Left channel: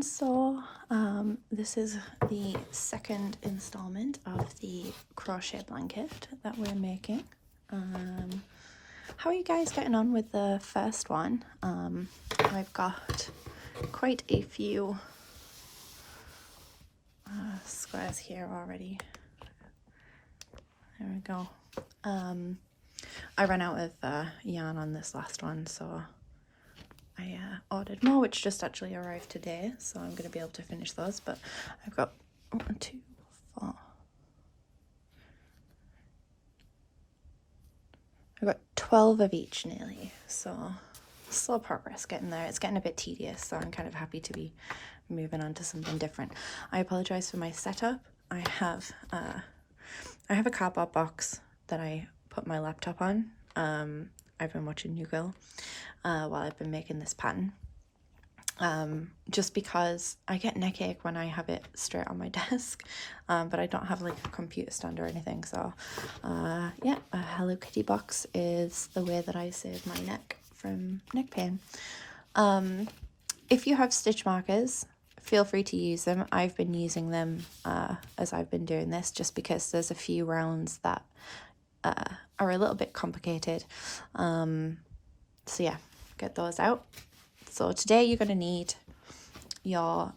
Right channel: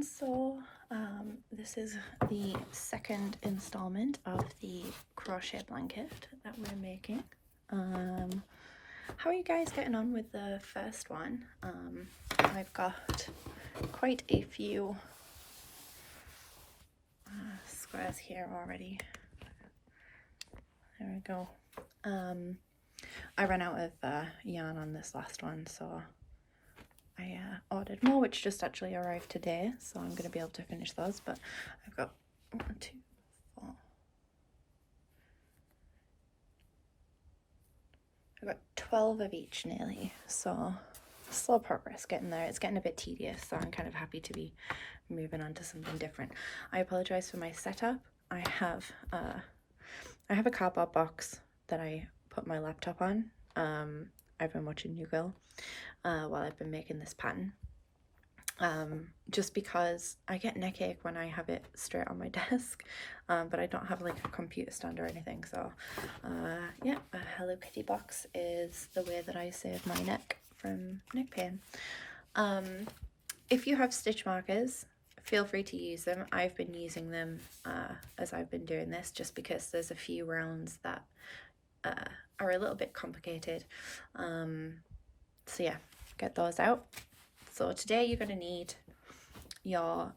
everyone. So this is the second installment of the crochet blanket that we're making. How are you guys getting on with the first one? I've got quite a few squares here already. There we go. I ran out of yarn on this last one, so I ordered more, which just actually arrived today, so I'm going to be able to finish those. But I've got 1, 2, 4. I've got 12 of each nearly, so slow progress getting there. It's getting a bit tedious, so I'm kind of happy to be moving on to something different. I apologize for my setup. I have a cardboard box that I put my laptop on. I've been watching New Girl while I've been making this pattern. Just because I get neck ache when I have it straight on my desk, but I don't have like a computer stand or anything. So yeah, a Hello Kitty box is the way that I save my neck from neck pain. If you have stitch markers, feel free to use them. I've been using them as I've been doing this, just because there's a few rounds that are a little bit complicated. So yeah, get those out. So today you're going to need your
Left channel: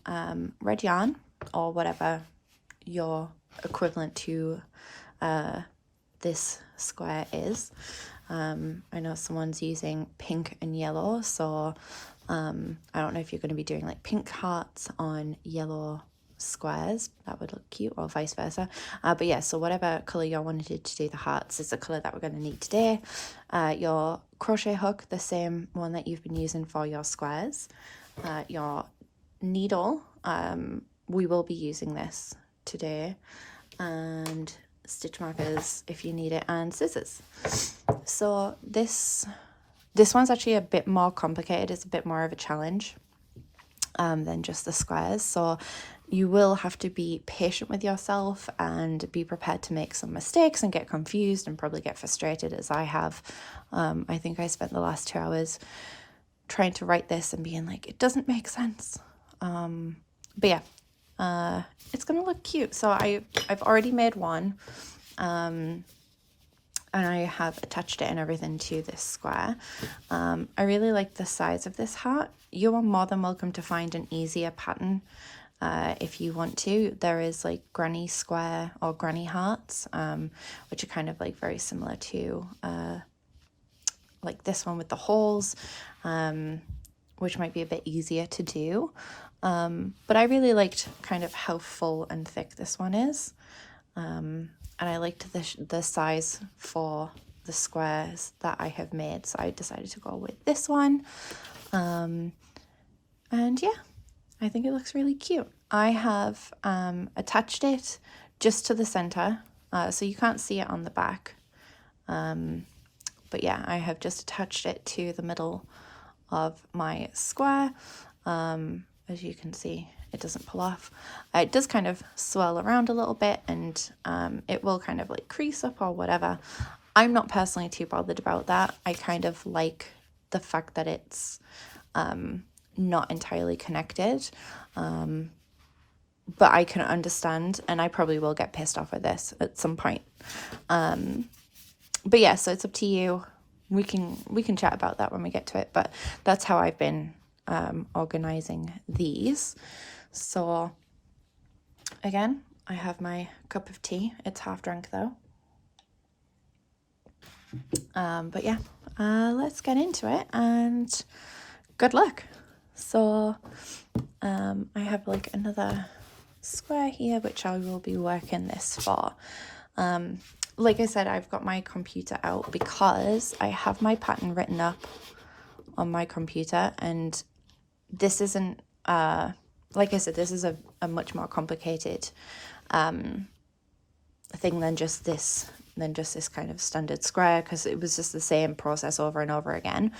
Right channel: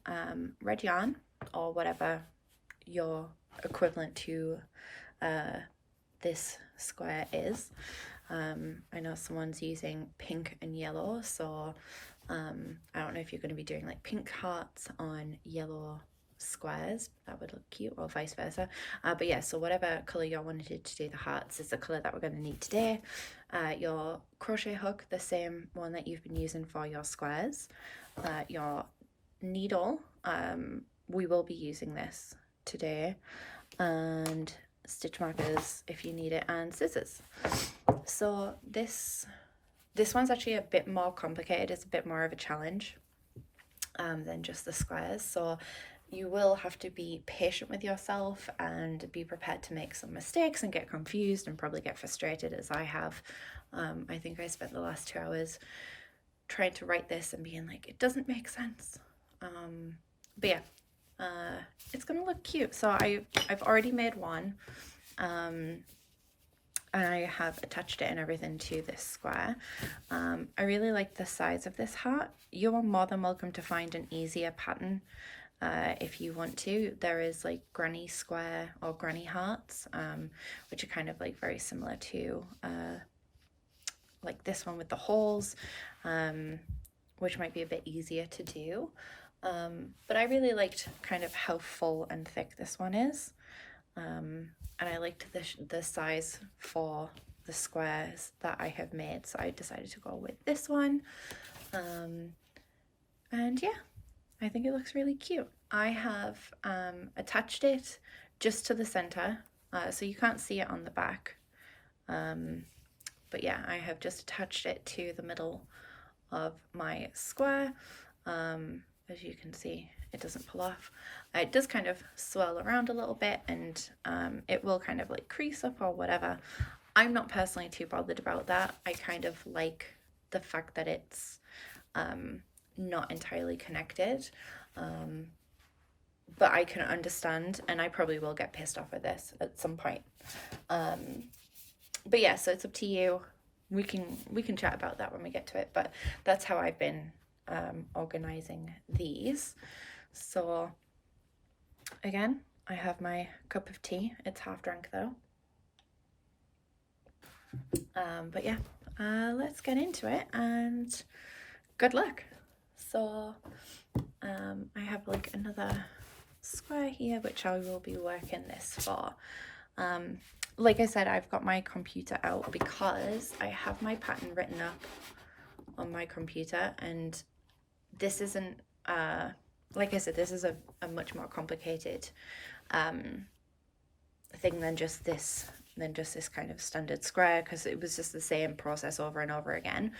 red yarn, or whatever your equivalent to this square is. I know someone's using pink and yellow, so I don't know if you're going to be doing like pink hearts on yellow squares. That would look cute, or vice versa. But yeah, so whatever colour you wanted to do the hearts is the colour that we're going to need today. Your crochet hook, the same one that you've been using for your squares. Your needle, we will be using this today, and stitch markers if you need it, and scissors. So this one's actually a bit more complicated. It's a bit more of a challenge than just the squares, so you will have to be patient with yourself and be prepared to make some mistakes and get confused and probably get frustrated, as I have. I think I spent the last 2 hours trying to write this and being like, it doesn't make sense. But yeah, it's gonna look cute. So I've already made one, and I have attached it and everything to this square. I really like the size of this heart. You are more than welcome to find an easier pattern if you want to. There is like granny square or granny hearts, which are kind of like very similar to like this one with the holes, which might be a bit easier to do. But I really liked kind of how full and thick this one is. And I liked the size for the squares that I have made, so I decided to go with this one. And yeah, I think it looks really cute. I have attached it just to the center, so you can't see it on the back. But yeah, I have just attached it to the middle of my square. As you can see, it doesn't pull off. It does kind of swirl around a little bit, and it will kind of like crease up or whatever. I'm not personally too bothered about that. I kind of like the fact that it's not entirely connected, but I can understand, and I probably will get pissed off with this at some point. But yeah, so it's up to you. We can chat about that when we get to it, but that's how I've been organizing these. So again, I have my cup of tea. It's half drunk though. But yeah, let's get into it, and good luck. So I have like another square here, which I will be working this for. Like I said, I've got my computer out because I have my pattern written up on my computer, and this isn't like I said, this is a much more complicated thing than just this kind of standard square, because it was just the same process over and over again,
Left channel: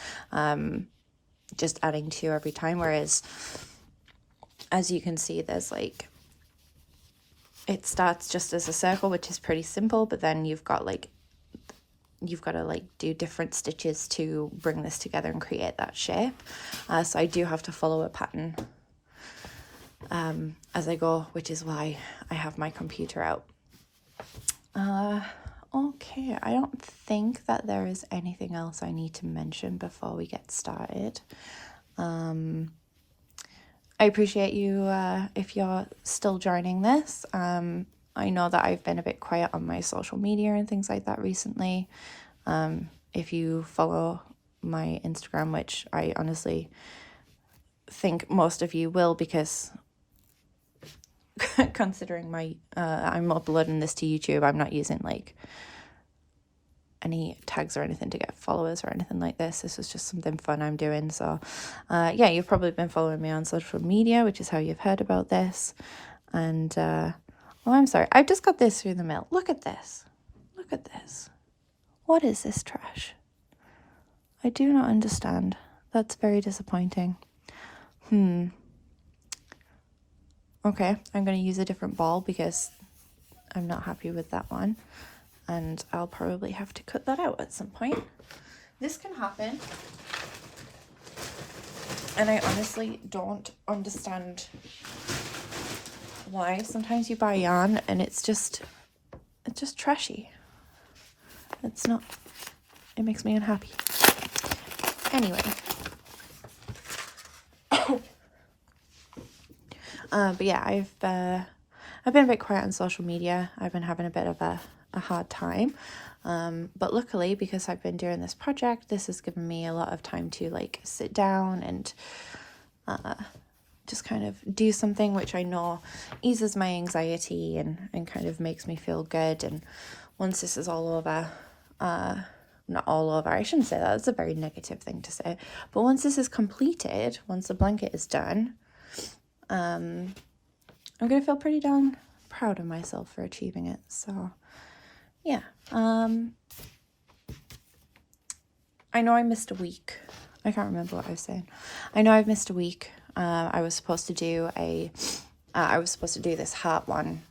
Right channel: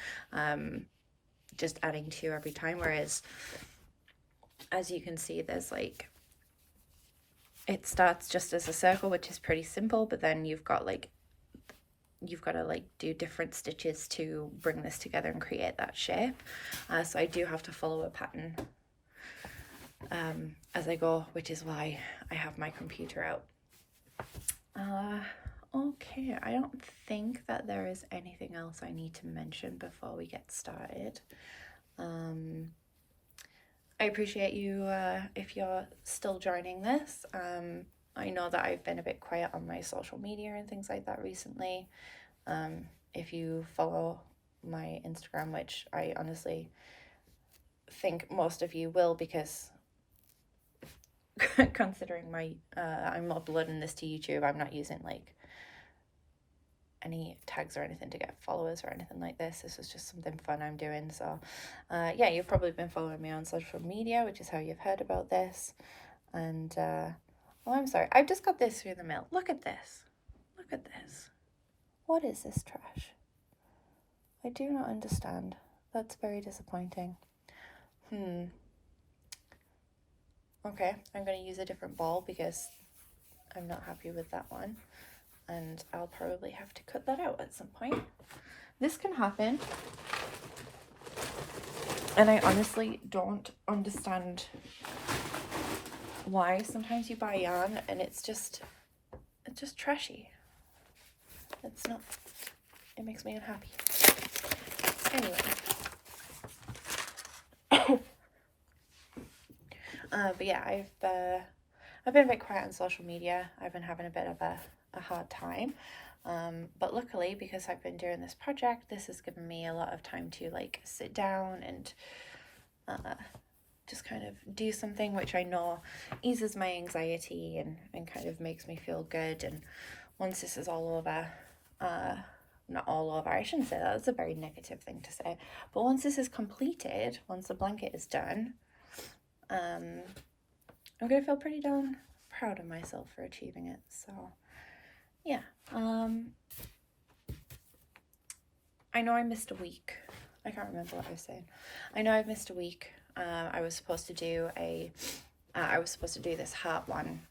just adding 2 every time. Whereas, as you can see, there's like, it starts just as a circle, which is pretty simple, but then you've got to like do different stitches to bring this together and create that shape. So I do have to follow a pattern as I go, which is why I have my computer out. Okay, I don't think that there is anything else I need to mention before we get started. I appreciate you if you're still joining this. I know that I've been a bit quiet on my social media and things like that recently. If you follow my Instagram, which I honestly think most of you will, because considering my I'm uploading this to YouTube, I'm not using like any tags or anything to get followers or anything like this. This is just something fun I'm doing. So yeah, you've probably been following me on social media, which is how you've heard about this. And oh, I'm sorry, I just got this through the mail. Look at this. Look at this. What is this trash? I do not understand. That's very disappointing. Okay, I'm going to use a different ball because I'm not happy with that one. And I'll probably have to cut that out at some point. This can happen. And I honestly don't understand why. Sometimes you buy yarn and it's just trashy. It's not, it makes me unhappy. Anyway. But yeah, I've been a bit quiet on social media. I've been having a bit of a hard time. But luckily, because I've been doing this project, this has given me a lot of time to like sit down and just kind of do something which I know eases my anxiety and kind of makes me feel good. And once this is all over, not all over, I shouldn't say that, that's a very negative thing to say, but once this is completed, once the blanket is done, I'm gonna feel pretty darn proud of myself for achieving it. So yeah, I know I missed a week. I can't remember what I was saying. I know I've missed a week. I was supposed to do this heart one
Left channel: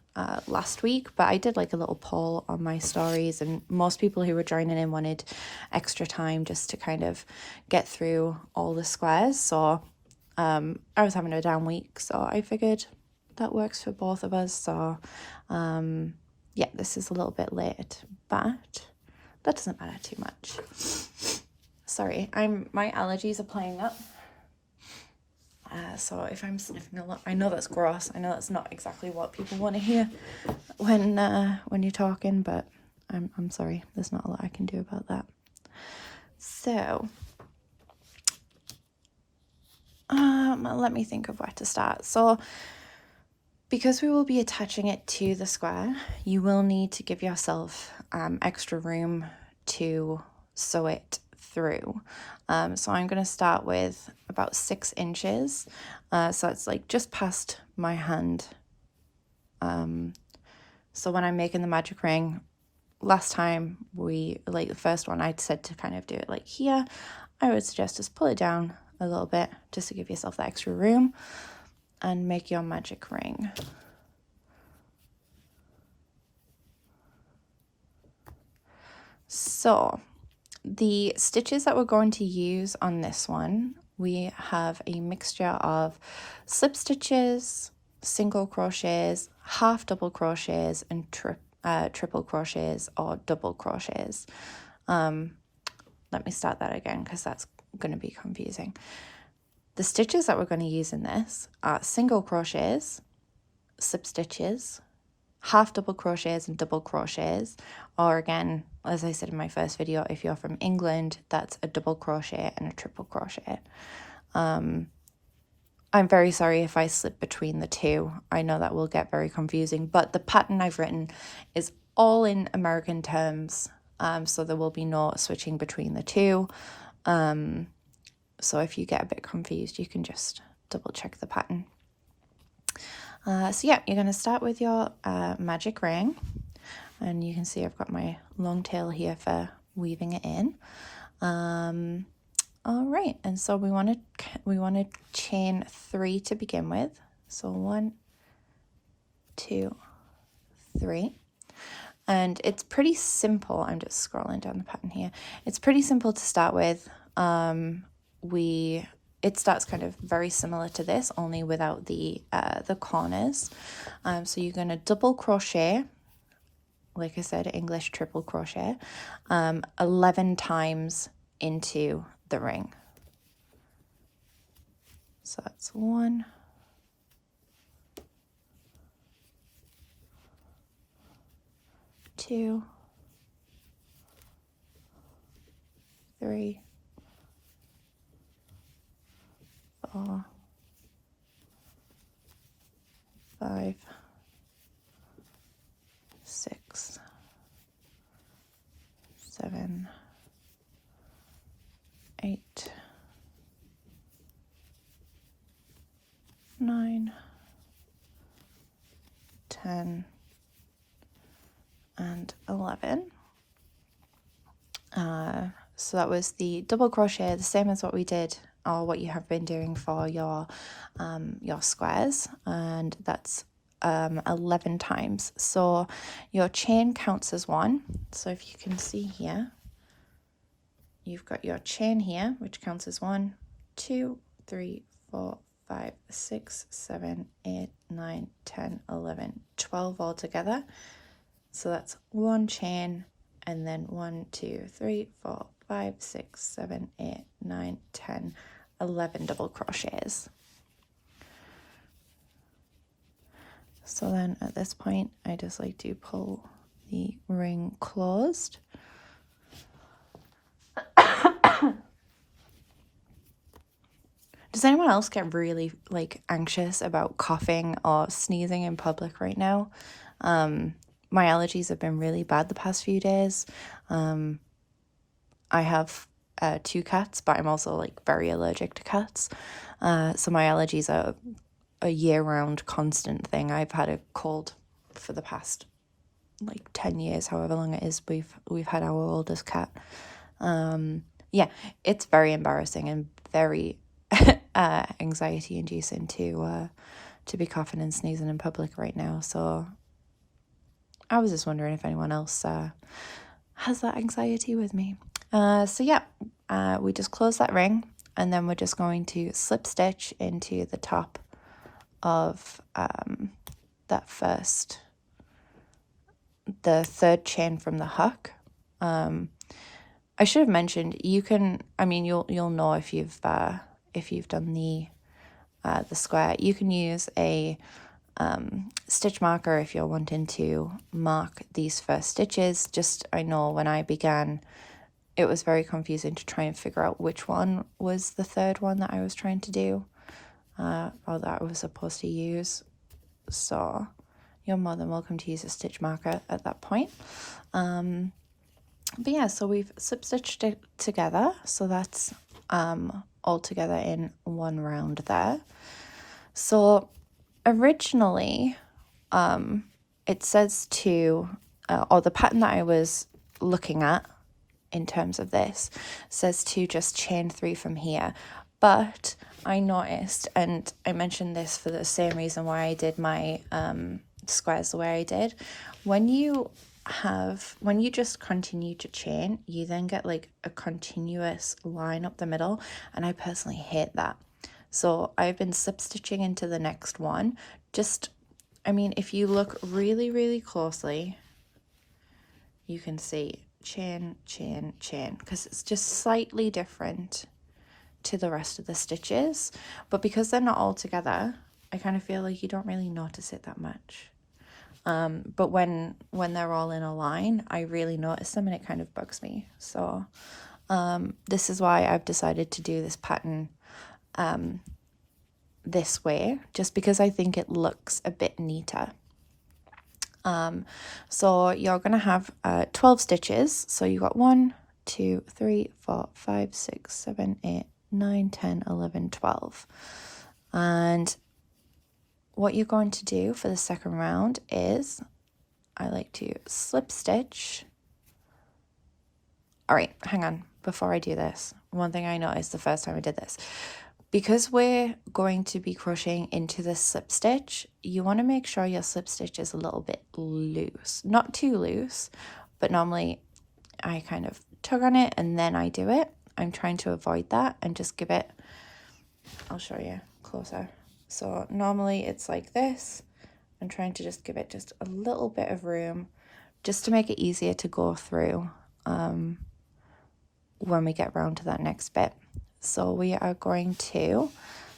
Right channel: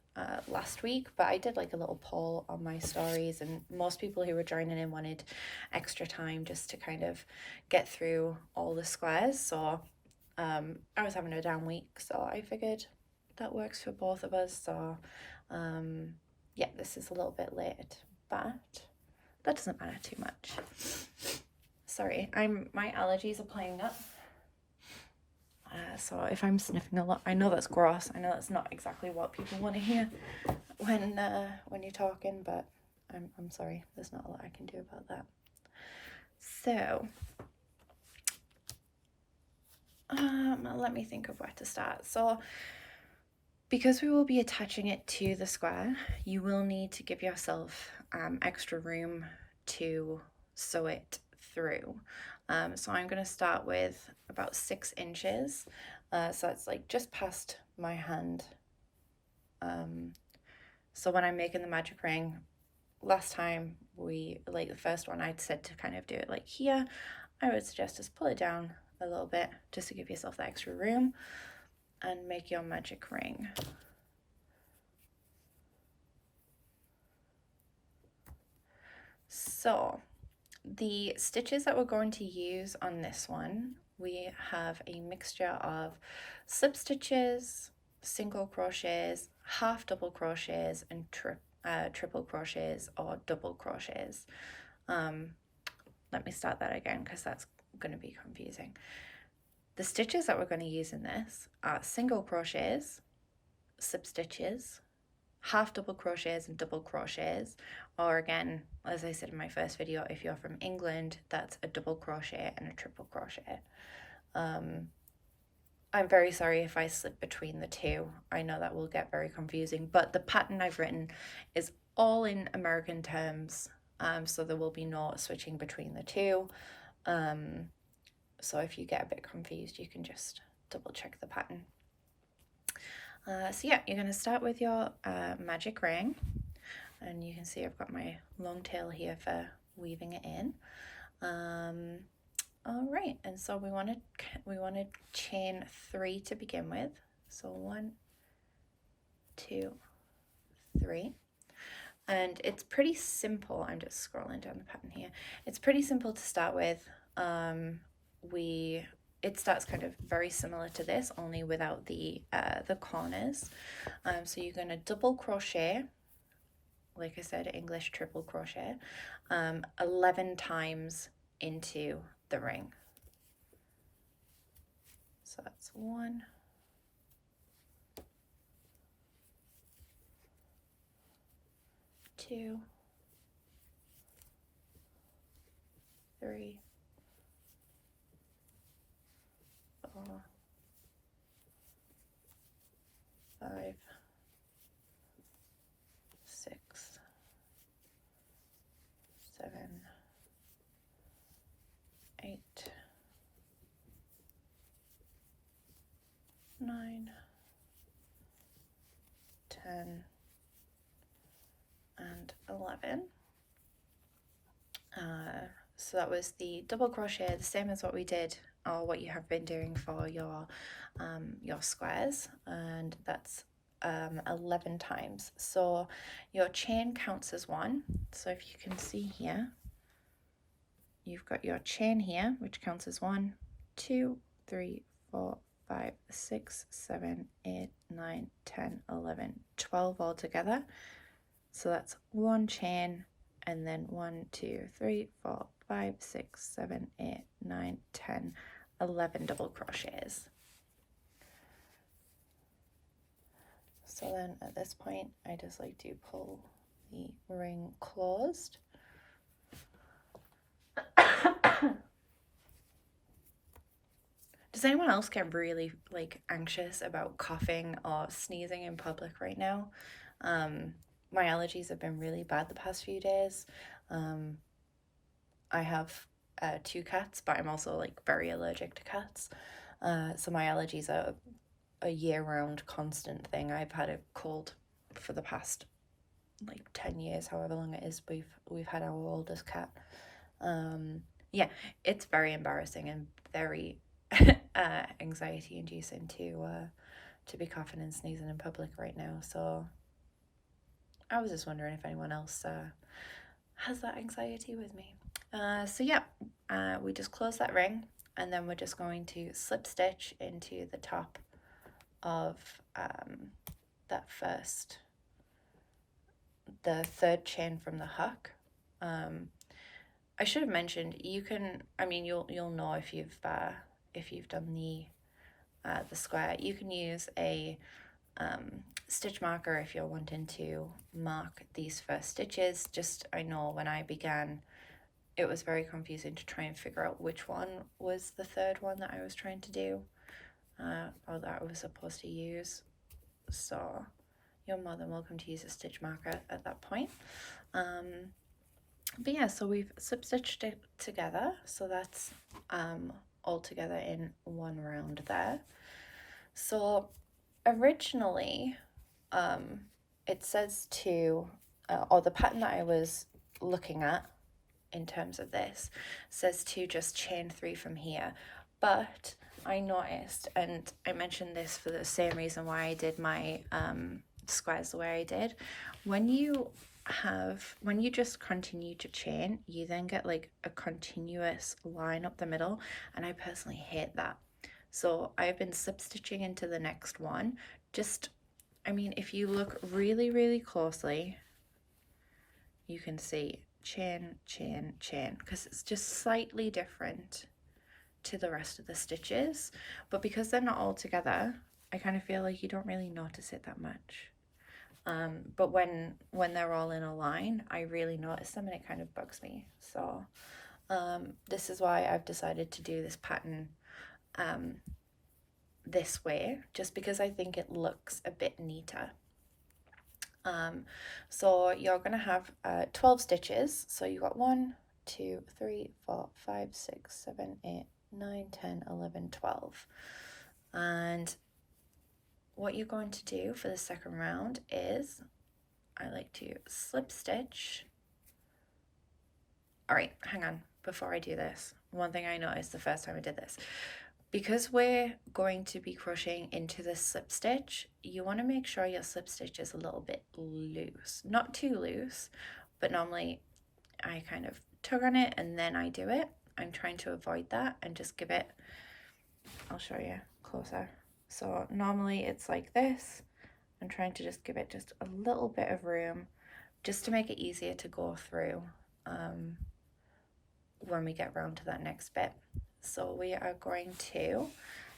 last week, but I did like a little poll on my stories, and most people who were joining in wanted extra time just to kind of get through all the squares. So I was having a down week, so I figured that works for both of us. So yeah, this is a little bit late, but that doesn't matter too much. Sorry, my allergies are playing up. So if I'm sniffing a lot, I know that's gross. I know that's not exactly what people want to hear when you're talking, but I'm sorry. There's not a lot I can do about that. So let me think of where to start. So because we will be attaching it to the square, you will need to give yourself extra room to sew it through. So I'm going to start with about 6 inches. So it's like just past my hand. So when I'm making the magic ring, last time the first one, I'd said to kind of do it like here. I would suggest just pull it down a little bit just to give yourself that extra room and make your magic ring. So the stitches that we're going to use on this one, we have a mixture of slip stitches, single crochets, half double crochets, and triple crochets or double crochets. Let me start that again because that's going to be confusing. The stitches that we're going to use in this are single crochets, slip stitches, half double crochets and double crochets, or again, as I said in my first video, if you're from England, that's a double crochet and a triple crochet. I'm very sorry if I slip between the two. I know that will get very confusing, but the pattern I've written is all in American terms, so there will be no switching between the two. So if you get a bit confused, you can just double check the pattern. So yeah, you're going to start with your magic ring, and you can see I've got my long tail here for weaving it in. All right, and so we want to chain 3 to begin with. So 1, 2, 3. And it's pretty simple. I'm just scrolling down the pattern here. It's pretty simple to start with. We it starts kind of very similar to this, only without the corners. So you're going to double crochet, like I said, English triple crochet, 11 times into the ring. So that's 1, 2, 3, 4, 5, 6, 7, 8, 9, 10, and 11. So that was the double crochet, the same as what we did, or what you have been doing for your squares, and that's 11 times. So your chain counts as 1. So if you can see here, you've got your chain here, which counts as 1, 2, 3, 4, 5, 6, 7, 8, 9, 10, 11, 12 all together. So that's 1 chain, and then 1, 2, 3, 4, 5, 6, 7, 8, 9, 10, 11 double crochets. So then at this point, I just like to pull the ring closed. Does anyone else get really anxious about coughing or sneezing in public right now? My allergies have been really bad the past few days. I have 2 cats, but I'm also very allergic to cats. So my allergies are a year-round constant thing. I've had a cold for the past 10 years, however long it is we've had our oldest cat. Yeah, it's very embarrassing and very anxiety inducing to be coughing and sneezing in public right now. So I was just wondering if anyone else has that anxiety with me. So yeah, we just close that ring, and then we're just going to slip stitch into the top of the 3rd chain from the hook. I should have mentioned, you can, you'll know if you've done the square. You can use a stitch marker if you're wanting to mark these first stitches. Just, I know when I began, it was very confusing to try and figure out which one was the 3rd one that I was trying to do, or that I was supposed to use. So you're more than welcome to use a stitch marker at that point. But yeah, so we've slip stitched it together, so that's all together in one round there. So originally it says to or the pattern that I was looking at in terms of this says to just chain 3 from here, but I noticed, and I mentioned this for the same reason why I did my squares the way I did, when you just continue to chain, you then get a continuous line up the middle, and I personally hate that. So I've been slip stitching into the next one. Just, if you look really, really closely, you can see chain, chain, chain, because it's just slightly different to the rest of the stitches. But because they're not all together, I kind of feel like you don't really notice it that much. But when they're all in a line, I really notice them, and it kind of bugs me. So this is why I've decided to do this pattern this way, just because I think it looks a bit neater. So you're gonna have 12 stitches. So you got 1, 2, 3, 4, 5, 6, 7, 8, 9, 10, 11, 12. And what you're going to do for the second round is, I like to slip stitch. All right, hang on. Before I do this, one thing I noticed the first time I did this, because we're going to be crocheting into the slip stitch, you want to make sure your slip stitch is a little bit loose. Not too loose, but normally I kind of tug on it and then I do it. I'm trying to avoid that and just give it I'll show you closer. So normally it's like this. I'm trying to just give it just a little bit of room just to make it easier to go through when we get round to that next bit. So we are going to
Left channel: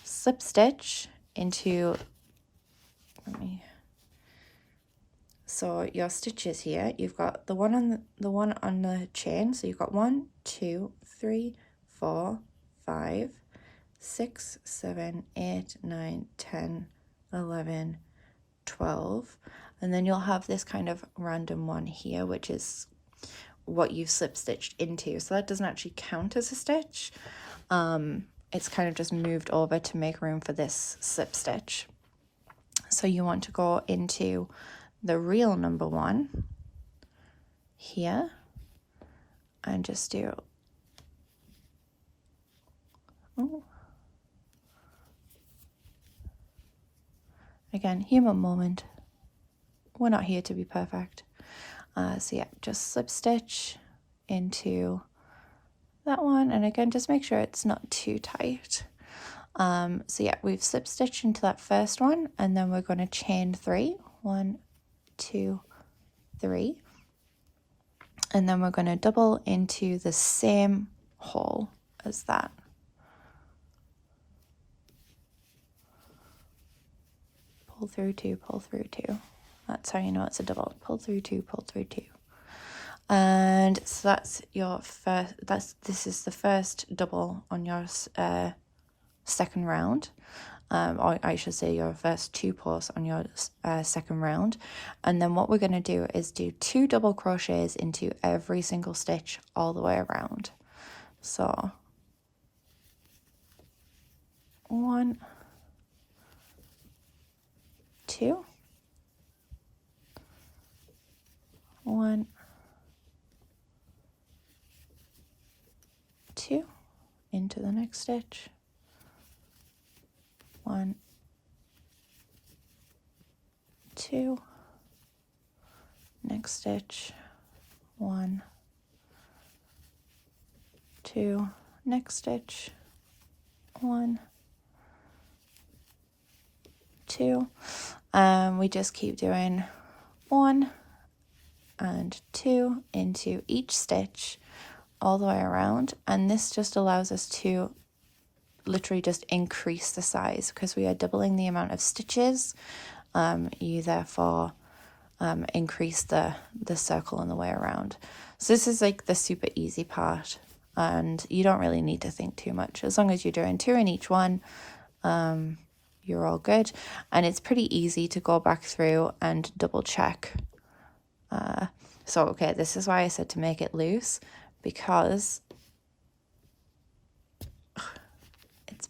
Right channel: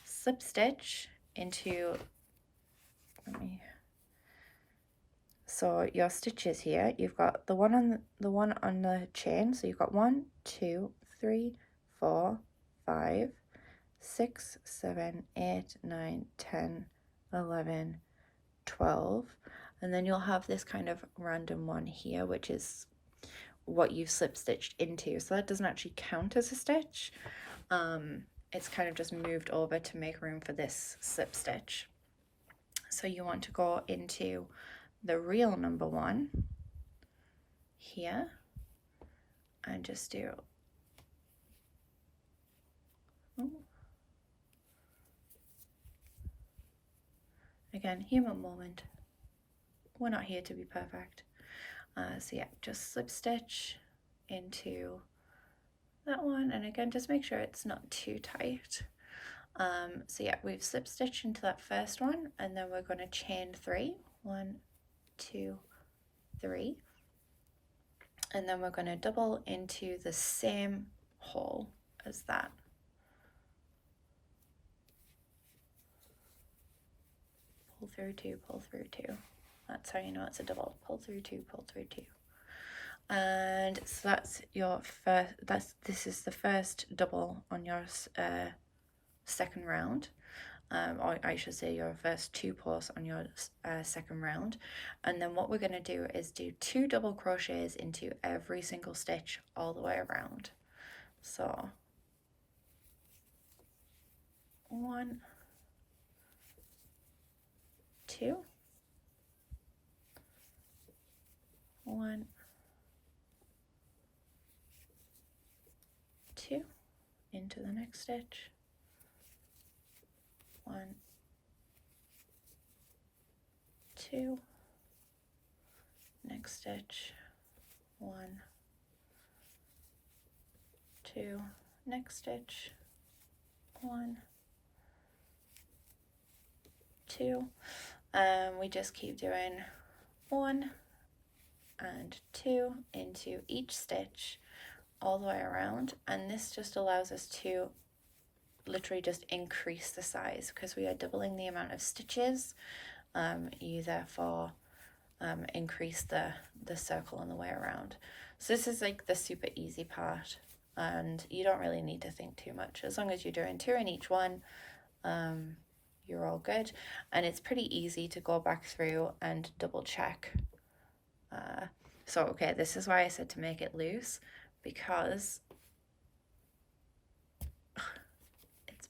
slip stitch into, so your stitches here, you've got the one on the chain. So you've got 1, 2, 3, 4, 5, 6, 7, 8, 9, 10, 11, 12. And then you'll have this kind of random one here, which is what you've slip stitched into. So that doesn't actually count as a stitch. It's kind of just moved over to make room for this slip stitch. So you want to go into the real number 1 here and just do, again, human moment. We're not here to be perfect. So yeah, just slip stitch into that one, and again, just make sure it's not too tight. So yeah, we've slip stitched into that first one, and then we're going to chain 3. 1, 2, 3, and then we're going to double into the same hole as that. Pull through 2, pull through 2. That's how you know it's a double. Pull through 2, pull through 2. And so that's your first, this is the first double on your second round, or I should say your first 2 pulls on your second round. And then what we're going to do is do 2 double crochets into every single stitch all the way around. So 1, 2, 1, 2, into the next stitch, 1, 2, next stitch, 1, 2, next stitch, 1, 2, and we just keep doing 1 and 2 into each stitch all the way around, and this just allows us to literally just increase the size because we are doubling the amount of stitches. You therefore increase the circle on the way around. So this is like the super easy part, and you don't really need to think too much. As long as you're doing 2 in each one, you're all good. And it's pretty easy to go back through and double check. So okay, this is why I said to make it loose, because it's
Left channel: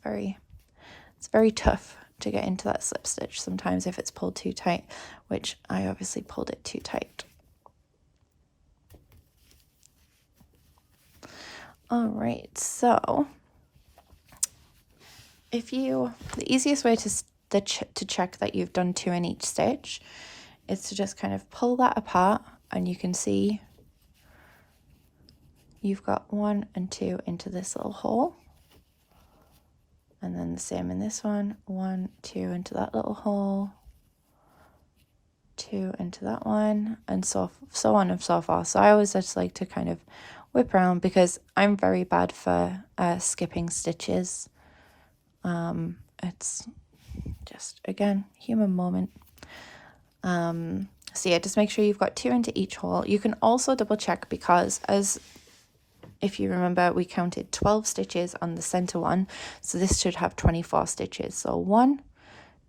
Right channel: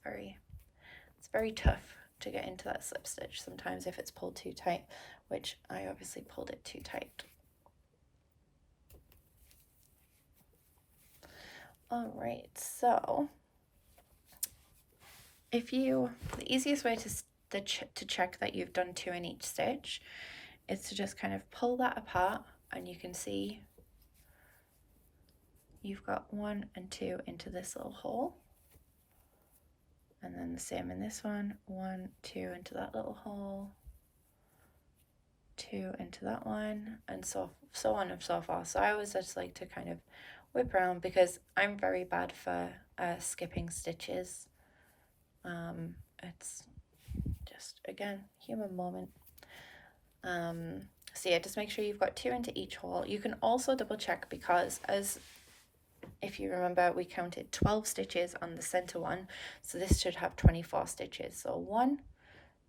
very tough to get into that slip stitch sometimes if it's pulled too tight, which I obviously pulled it too tight. All right, so the easiest way to check that you've done 2 in each stitch is to just kind of pull that apart, and you can see you've got 1 and 2 into this little hole. And then the same in this one, 1, 2 into that little hole, 2 into that one, and so on and so forth. So I always just like to kind of whip around because I'm very bad for skipping stitches. It's just, again, human moment. So yeah, just make sure you've got 2 into each hole. You can also double check because if you remember, we counted 12 stitches on the center one, so this should have 24 stitches. So 1,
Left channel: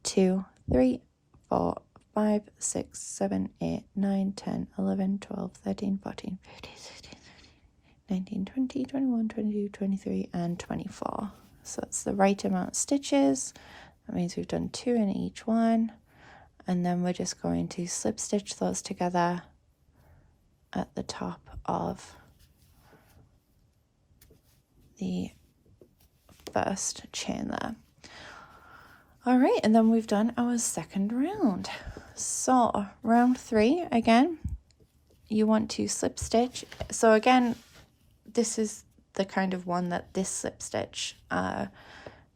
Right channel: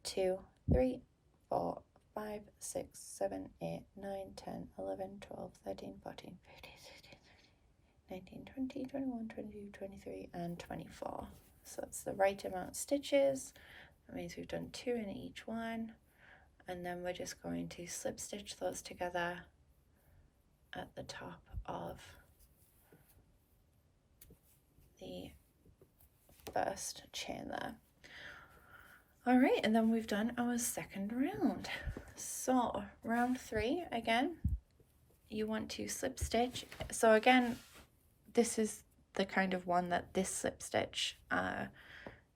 2, 3, 4, 5, 6, 7, 8, 9, 10, 11, 12, 13, 14, 15, 16, 17, 19, 20, 21, 22, 23, and 24. So that's the right amount of stitches. That means we've done 2 in each one. And then we're just going to slip stitch those together at the top of the first chain there. All right, and then we've done our second round. So round 3, again, you want to slip stitch. So again, this is the kind of one that this slip stitch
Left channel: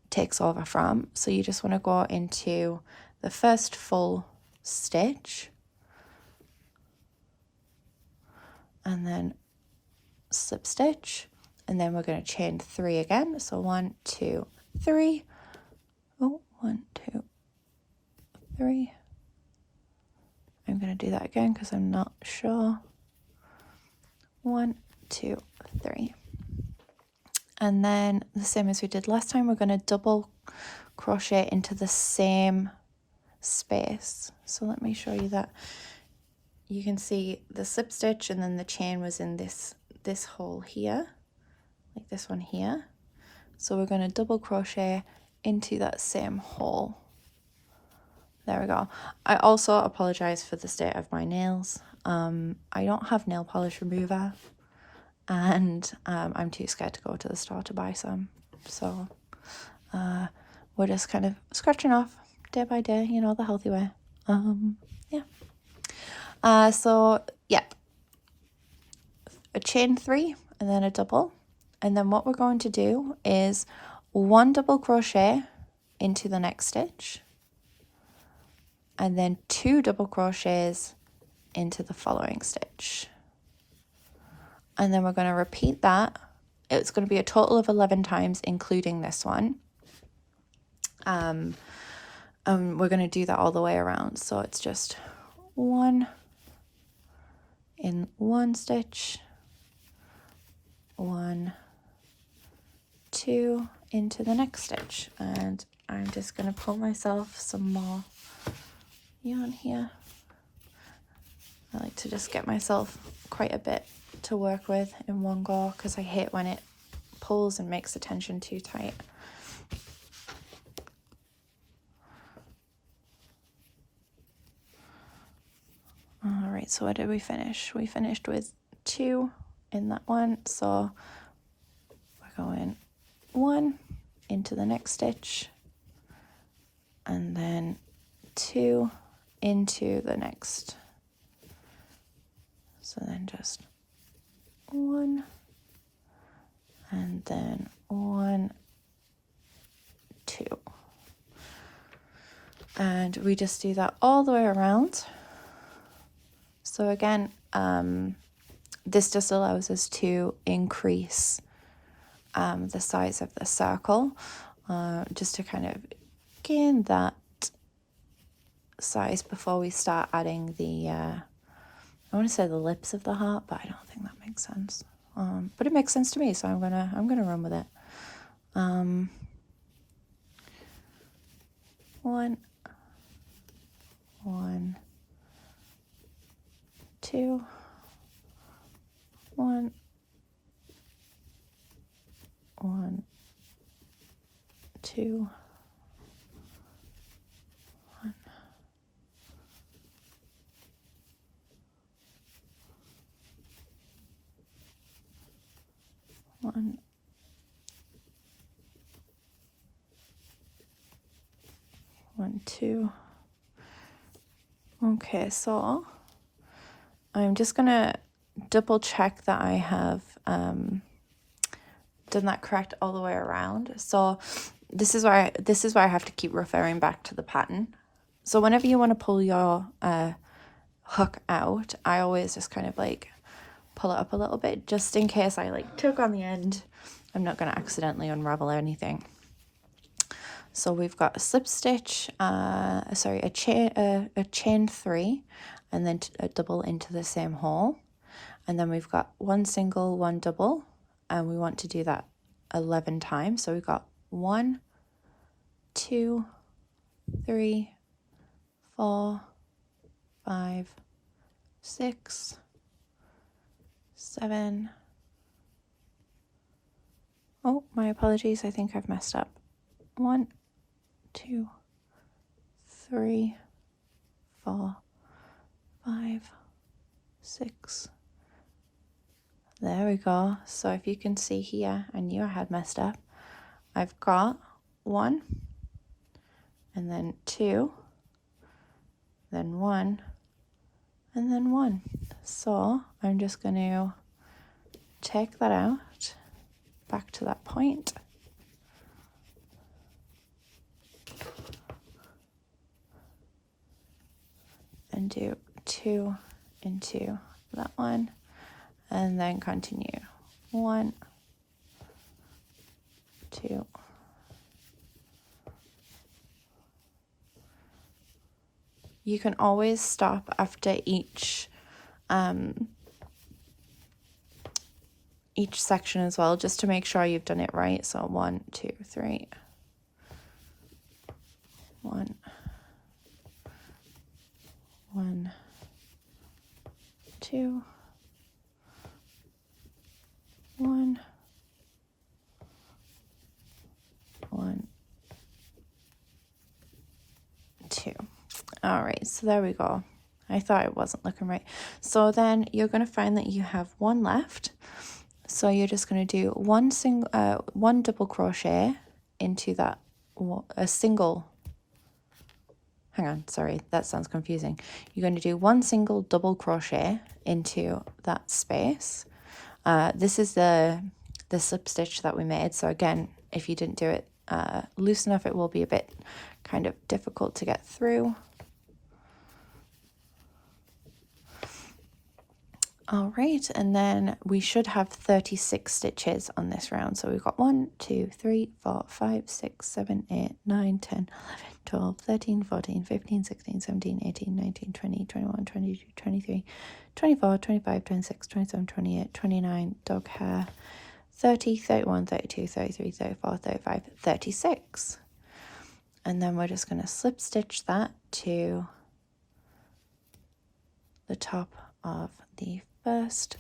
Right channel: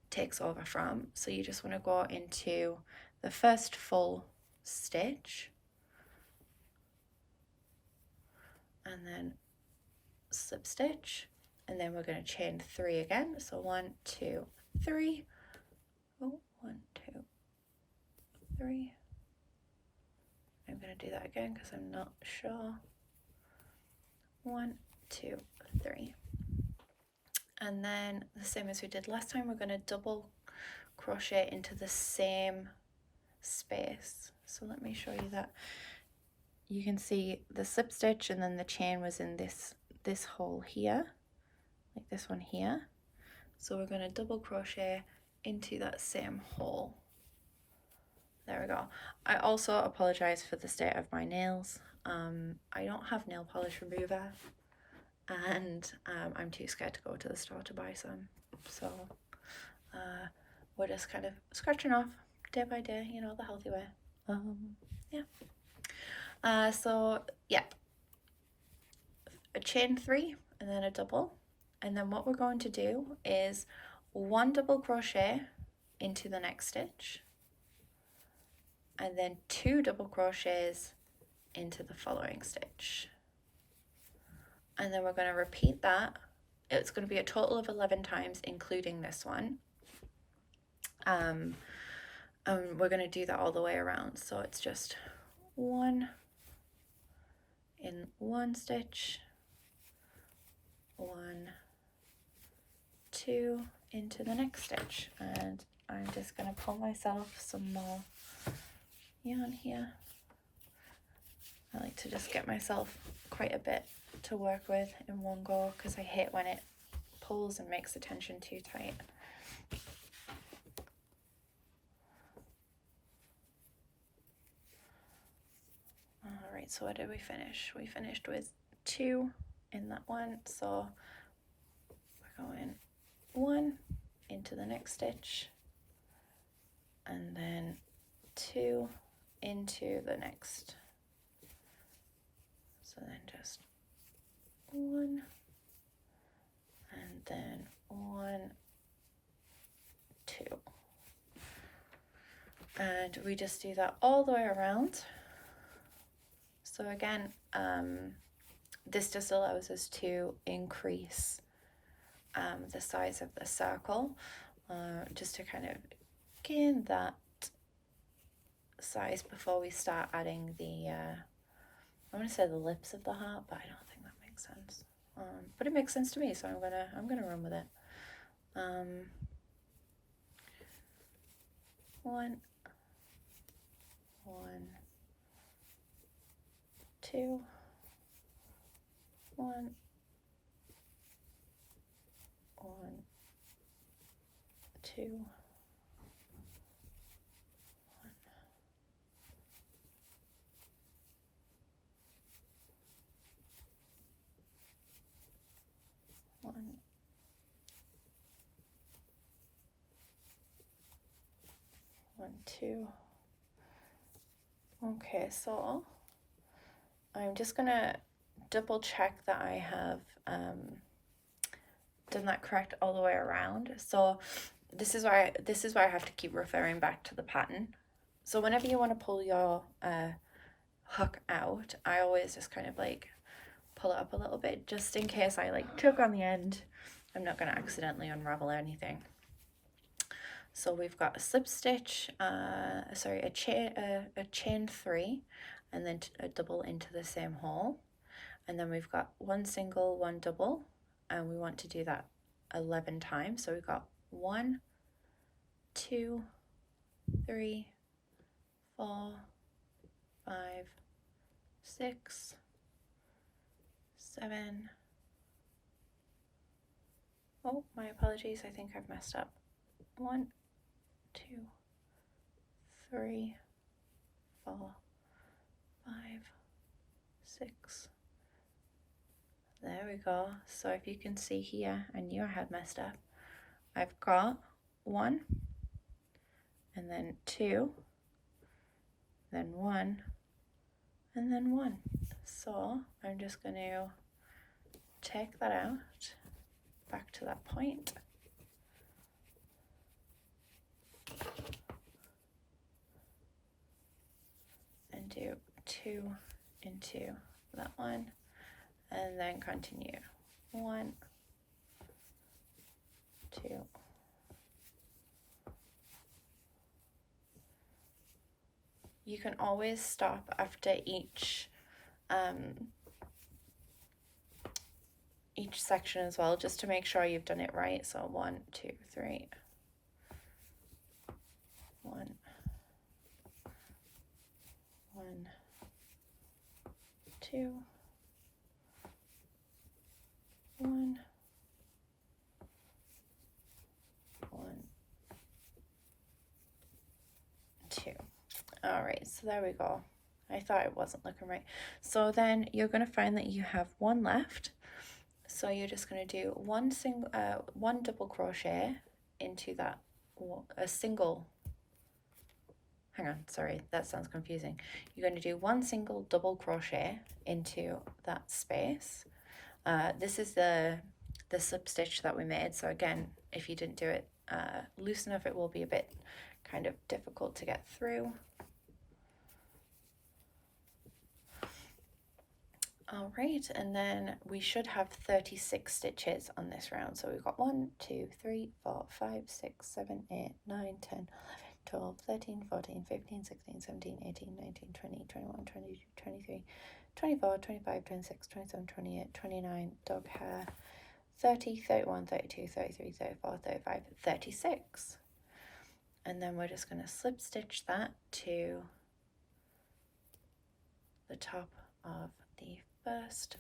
takes over from. So you just want to go into the first full stitch and then slip stitch, and then we're going to chain 3 again. So 1, 2, 3. Oh, 1, 2, 3. I'm going to do that again because I'm not sure. 1, 2, 3. And then the same as we did last time, we're going to double crochet into the same space. So let me show you that. You can see the slip stitch and then the chain was in this hole here, like this one here. So we're going to double crochet into that same hole. There we go. I also apologize for the state of my nails. I don't have nail polish remover, and I'm too scared to go to the store to buy some. So we're just kind of scratching off day by day, you know, the healthy way. Yeah. So yeah, a chain 3 and then a double, and then what we're going to do is 1 double crochet into the next stitch, and then 2 double crochets into the following stitch. And then we're going to repeat that. It's going to be a total of 11 times, including this one. We're going to do that all the way around. So it's just 1 in one stitch, 1, 2 into the next stitch. And I'm just going to pull myself some more yarn here. I like to just get myself quite a bit to work with in one go because I hate when it pulls and makes the tension too tight. All right, so what did we finish? We finished with 2 in that one, so we're going 1 into the next stitch and then 2 into the next. So then just 1 and then 1, 2. And we just do that all the way around. So again, this just allows us to increase the size of the circle, just to kind of gain that size before we start adding the, I want to say the lips of the heart, but I don't think that makes sense. But it makes sense to me, so I'm gonna run with it. 1, 1, 2, 1, 1, 2, 1, 1, 1, 2. Okay, so I'm just gonna double check that I have done that correct all the way around. So this is why I have to keep referring back to the pattern. So whenever you want to pull your hook out, I always just kind of like pull it up a little bit just in case I like tug on the end. I'm not going to accidentally unravel anything. So we've got a slip stitch, a chain 3, and then a double into the same hole, and then we've got 1 single, 1 double, and we want to do that 11 times. So we've got 1, 2, 3, 4, 5, 6, 7. Oh, my apologies. I think I've messed up. 1, 2, 3, 4, 5, 6. There we go. So if you can see here, I knew I had messed up. I've got 1, and then 2, then 1, and then 1. So I'm just going to take that out back to that point. and do 2 into that one, and then continue 1, 2, you can always stop after each section as well, just to make sure you've done it right. So 1, 2, 3, 1, 1, 2, 1, 1, 2. All right, so there we go. I thought it wasn't looking right. So then you're going to find that you have one left. So you're just going to do one double crochet into that, a single, hang on, sorry, that sounds confusing. You're going to do one single double crochet into that space. This is the slip stitch that we made. So again, if you didn't do it loose enough, it will be a bit kind of difficult to get through. All right, and then we should have 36 stitches on this round. So we've got 1, 2, 3, 4, 5, 6, 7, 8, 9, 10, 11, 12, 13, 14, 15, 16, 17, 18, 19, 20, 21, 22, 23, 24, 25, 26, 27, 28, 29, dog hair, 30, 31, 32, 33, 34, 35, 36. And then we're just going to slip stitch that to the top of the first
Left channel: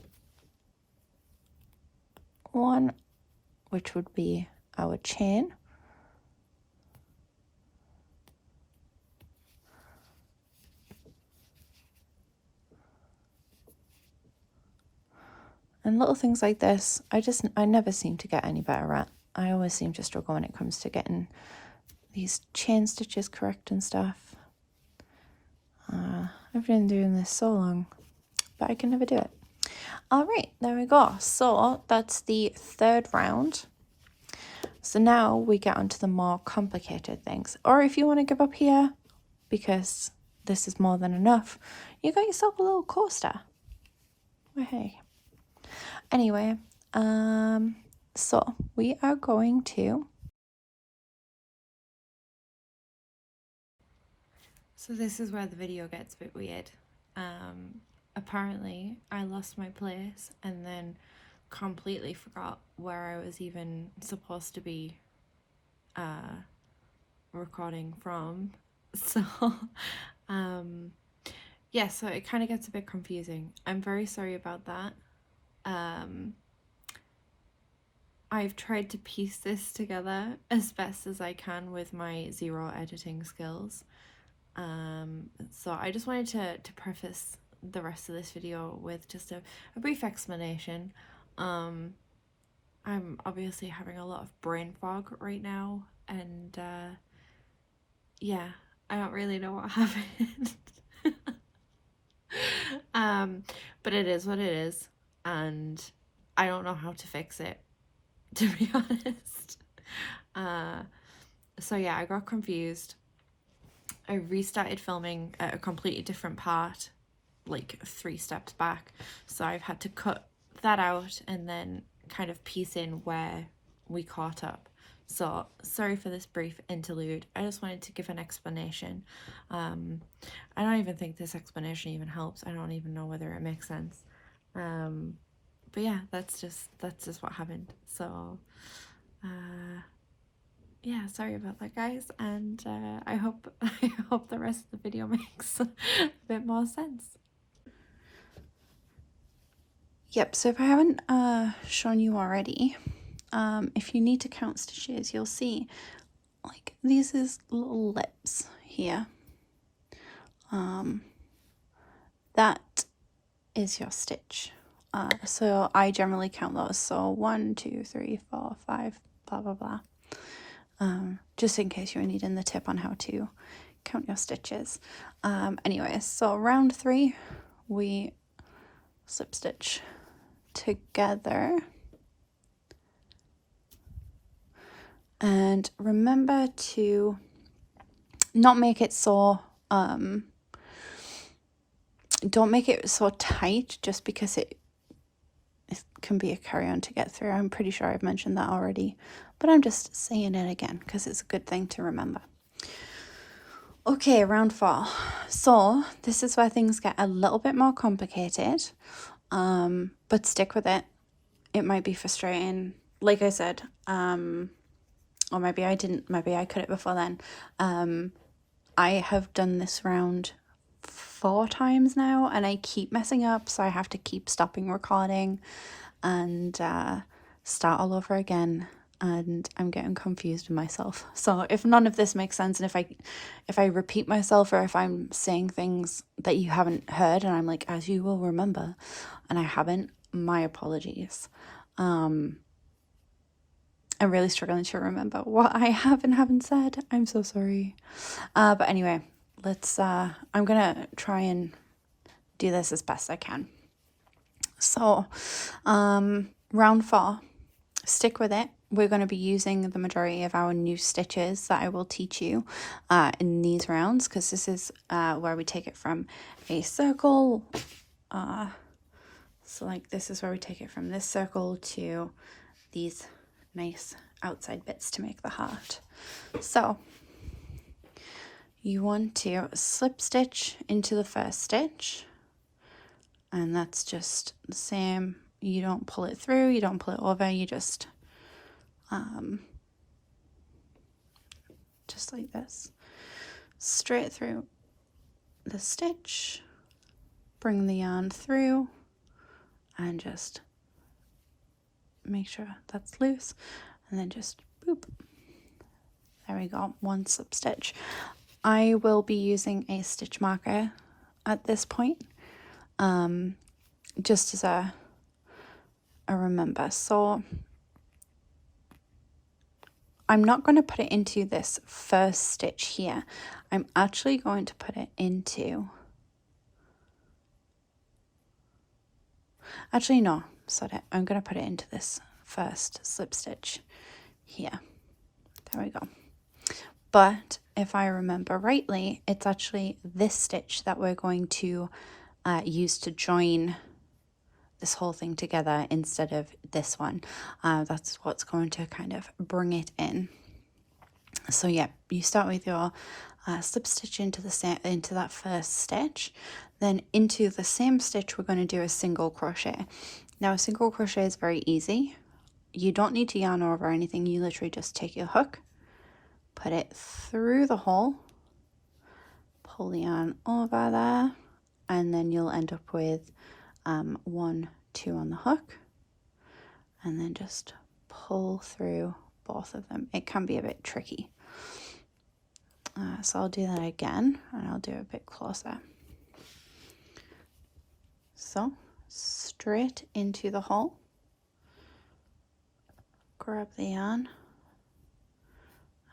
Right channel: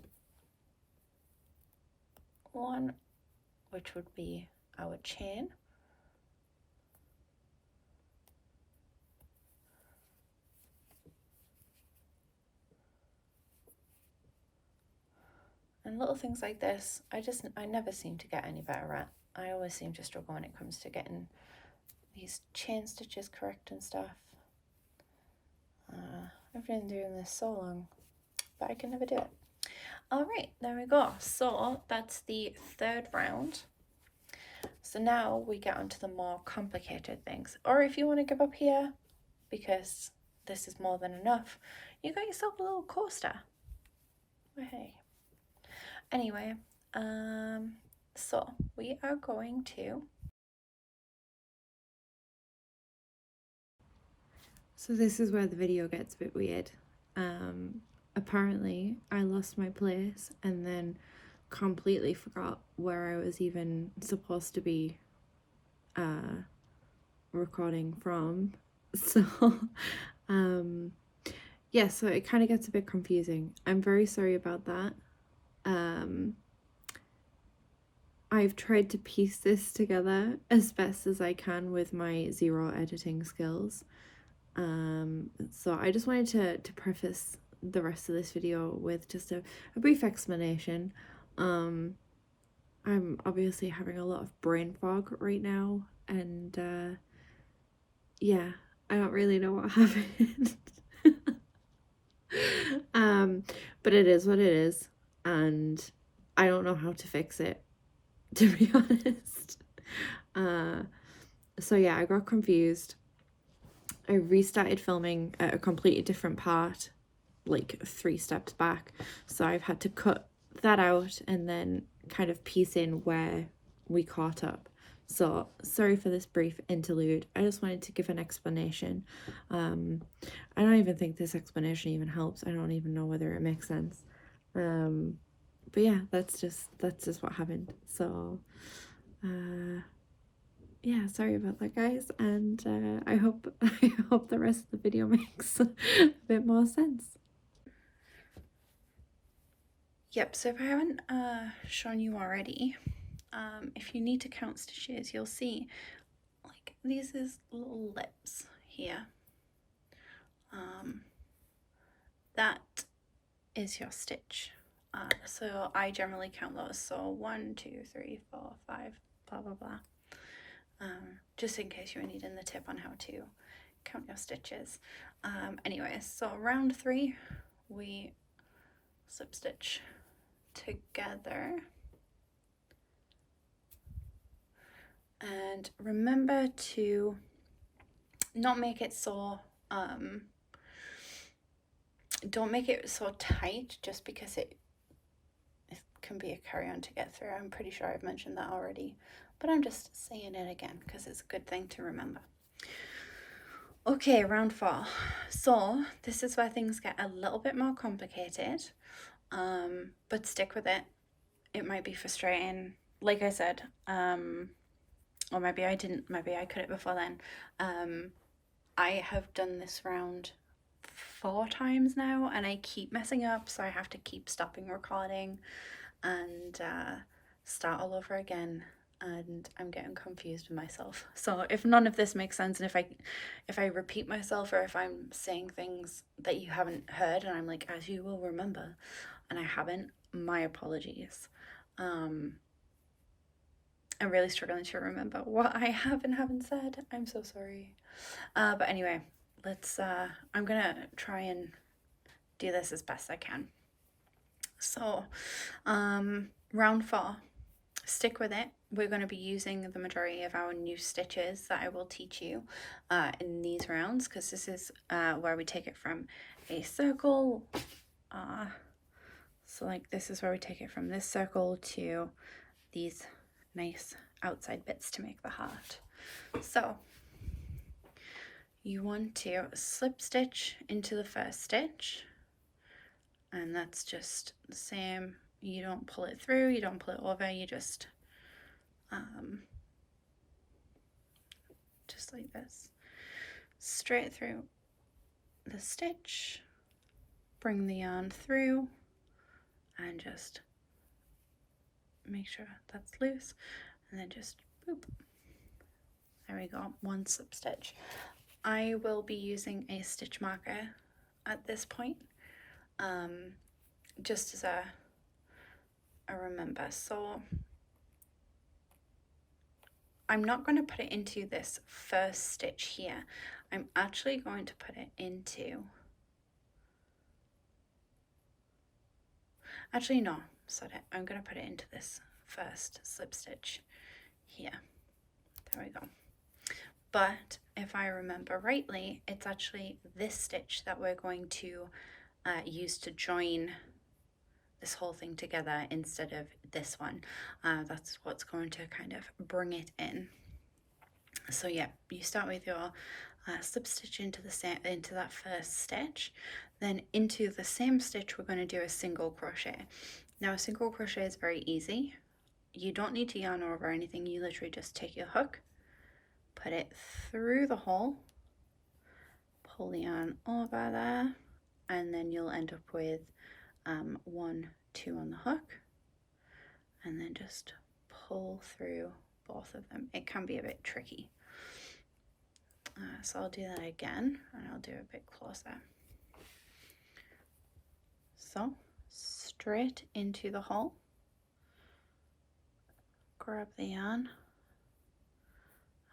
one, which would be our chain. And little things like this, I never seem to get any better at. I always seem to struggle when it comes to getting these chain stitches correct and stuff. I've been doing this so long, but I can never do it. All right, there we go. So that's the third round. So now we get onto the more complicated things. Or if you want to give up here, because this is more than enough, you got yourself a little coaster. Oh, hey. Anyway, so we are going to... So this is where the video gets a bit weird. Apparently I lost my place and then completely forgot where I was even supposed to be recording from. So yeah, so it kind of gets a bit confusing. I'm very sorry about that. I've tried to piece this together as best as I can with my zero editing skills. So I just wanted to preface the rest of this video with just a brief explanation. I'm obviously having a lot of brain fog right now, and yeah, I don't really know what happened. But it is what it is, and I don't know how to fix it, to be honest. So yeah, I got confused. I restarted filming at a completely different part, like 3 steps back. So I've had to cut that out and then kind of piece in where we caught up. So sorry for this brief interlude. I just wanted to give an explanation. I don't even think this explanation even helps. I don't even know whether it makes sense. But yeah, that's just what happened. So yeah, sorry about that, guys, and I hope the rest of the video makes a bit more sense. Yep, so if I haven't shown you already, if you need to count stitches, you'll see like these is little lips here. That is your stitch. So I generally count those. So 1, 2, 3, 4, 5, blah blah blah. Just in case you're needing the tip on how to count your stitches. Anyway, so round 3, we slip stitch together. And remember to not make it so don't make it so tight just because it can be a carry-on to get through. I'm pretty sure I've mentioned that already, but I'm just saying it again because it's a good thing to remember. Okay, round 4. So this is where things get a little bit more complicated, but stick with it. It might be frustrating. Like I said, or maybe I didn't, maybe I cut it before then. I have done this round 4 times now and I keep messing up, so I have to keep stopping recording and start all over again, and I'm getting confused with myself. So if none of this makes sense, and if I repeat myself, or if I'm saying things that you haven't heard and I'm like, as you will remember, and I haven't, my apologies. I'm really struggling to remember what I have and haven't said. I'm so sorry. But anyway, let's I'm gonna try and do this as best I can. So round 4, stick with it. We're going to be using the majority of our new stitches that I will teach you in these rounds, because this is where we take it from a circle. So like this is where we take it from this circle to these nice outside bits to make the heart. So you want to slip stitch into the first stitch, and that's just the same. You don't pull it through, you don't pull it over, you just like this, straight through the stitch, bring the yarn through, and just make sure that's loose, and then just boop. There we go, 1 slip stitch. I will be using a stitch marker at this point, just as a remember. So I'm not going to put it into this first stitch here. I'm actually going to put it into, actually no, sorry, I'm going to put it into this first slip stitch here. There we go. But if I remember rightly, it's actually this stitch that we're going to use to join this whole thing together instead of this one. That's what's going to kind of bring it in. So yeah, you start with your slip stitch into that first stitch, then into the same stitch we're going to do a single crochet. Now a single crochet is very easy. You don't need to yarn over anything. You literally just take your hook, put it through the hole, pull the yarn over there, and then you'll end up with 1, 2 on the hook, and then just pull through both of them. It can be a bit tricky. So I'll do that again, and I'll do it a bit closer. So straight into the hole, grab the yarn,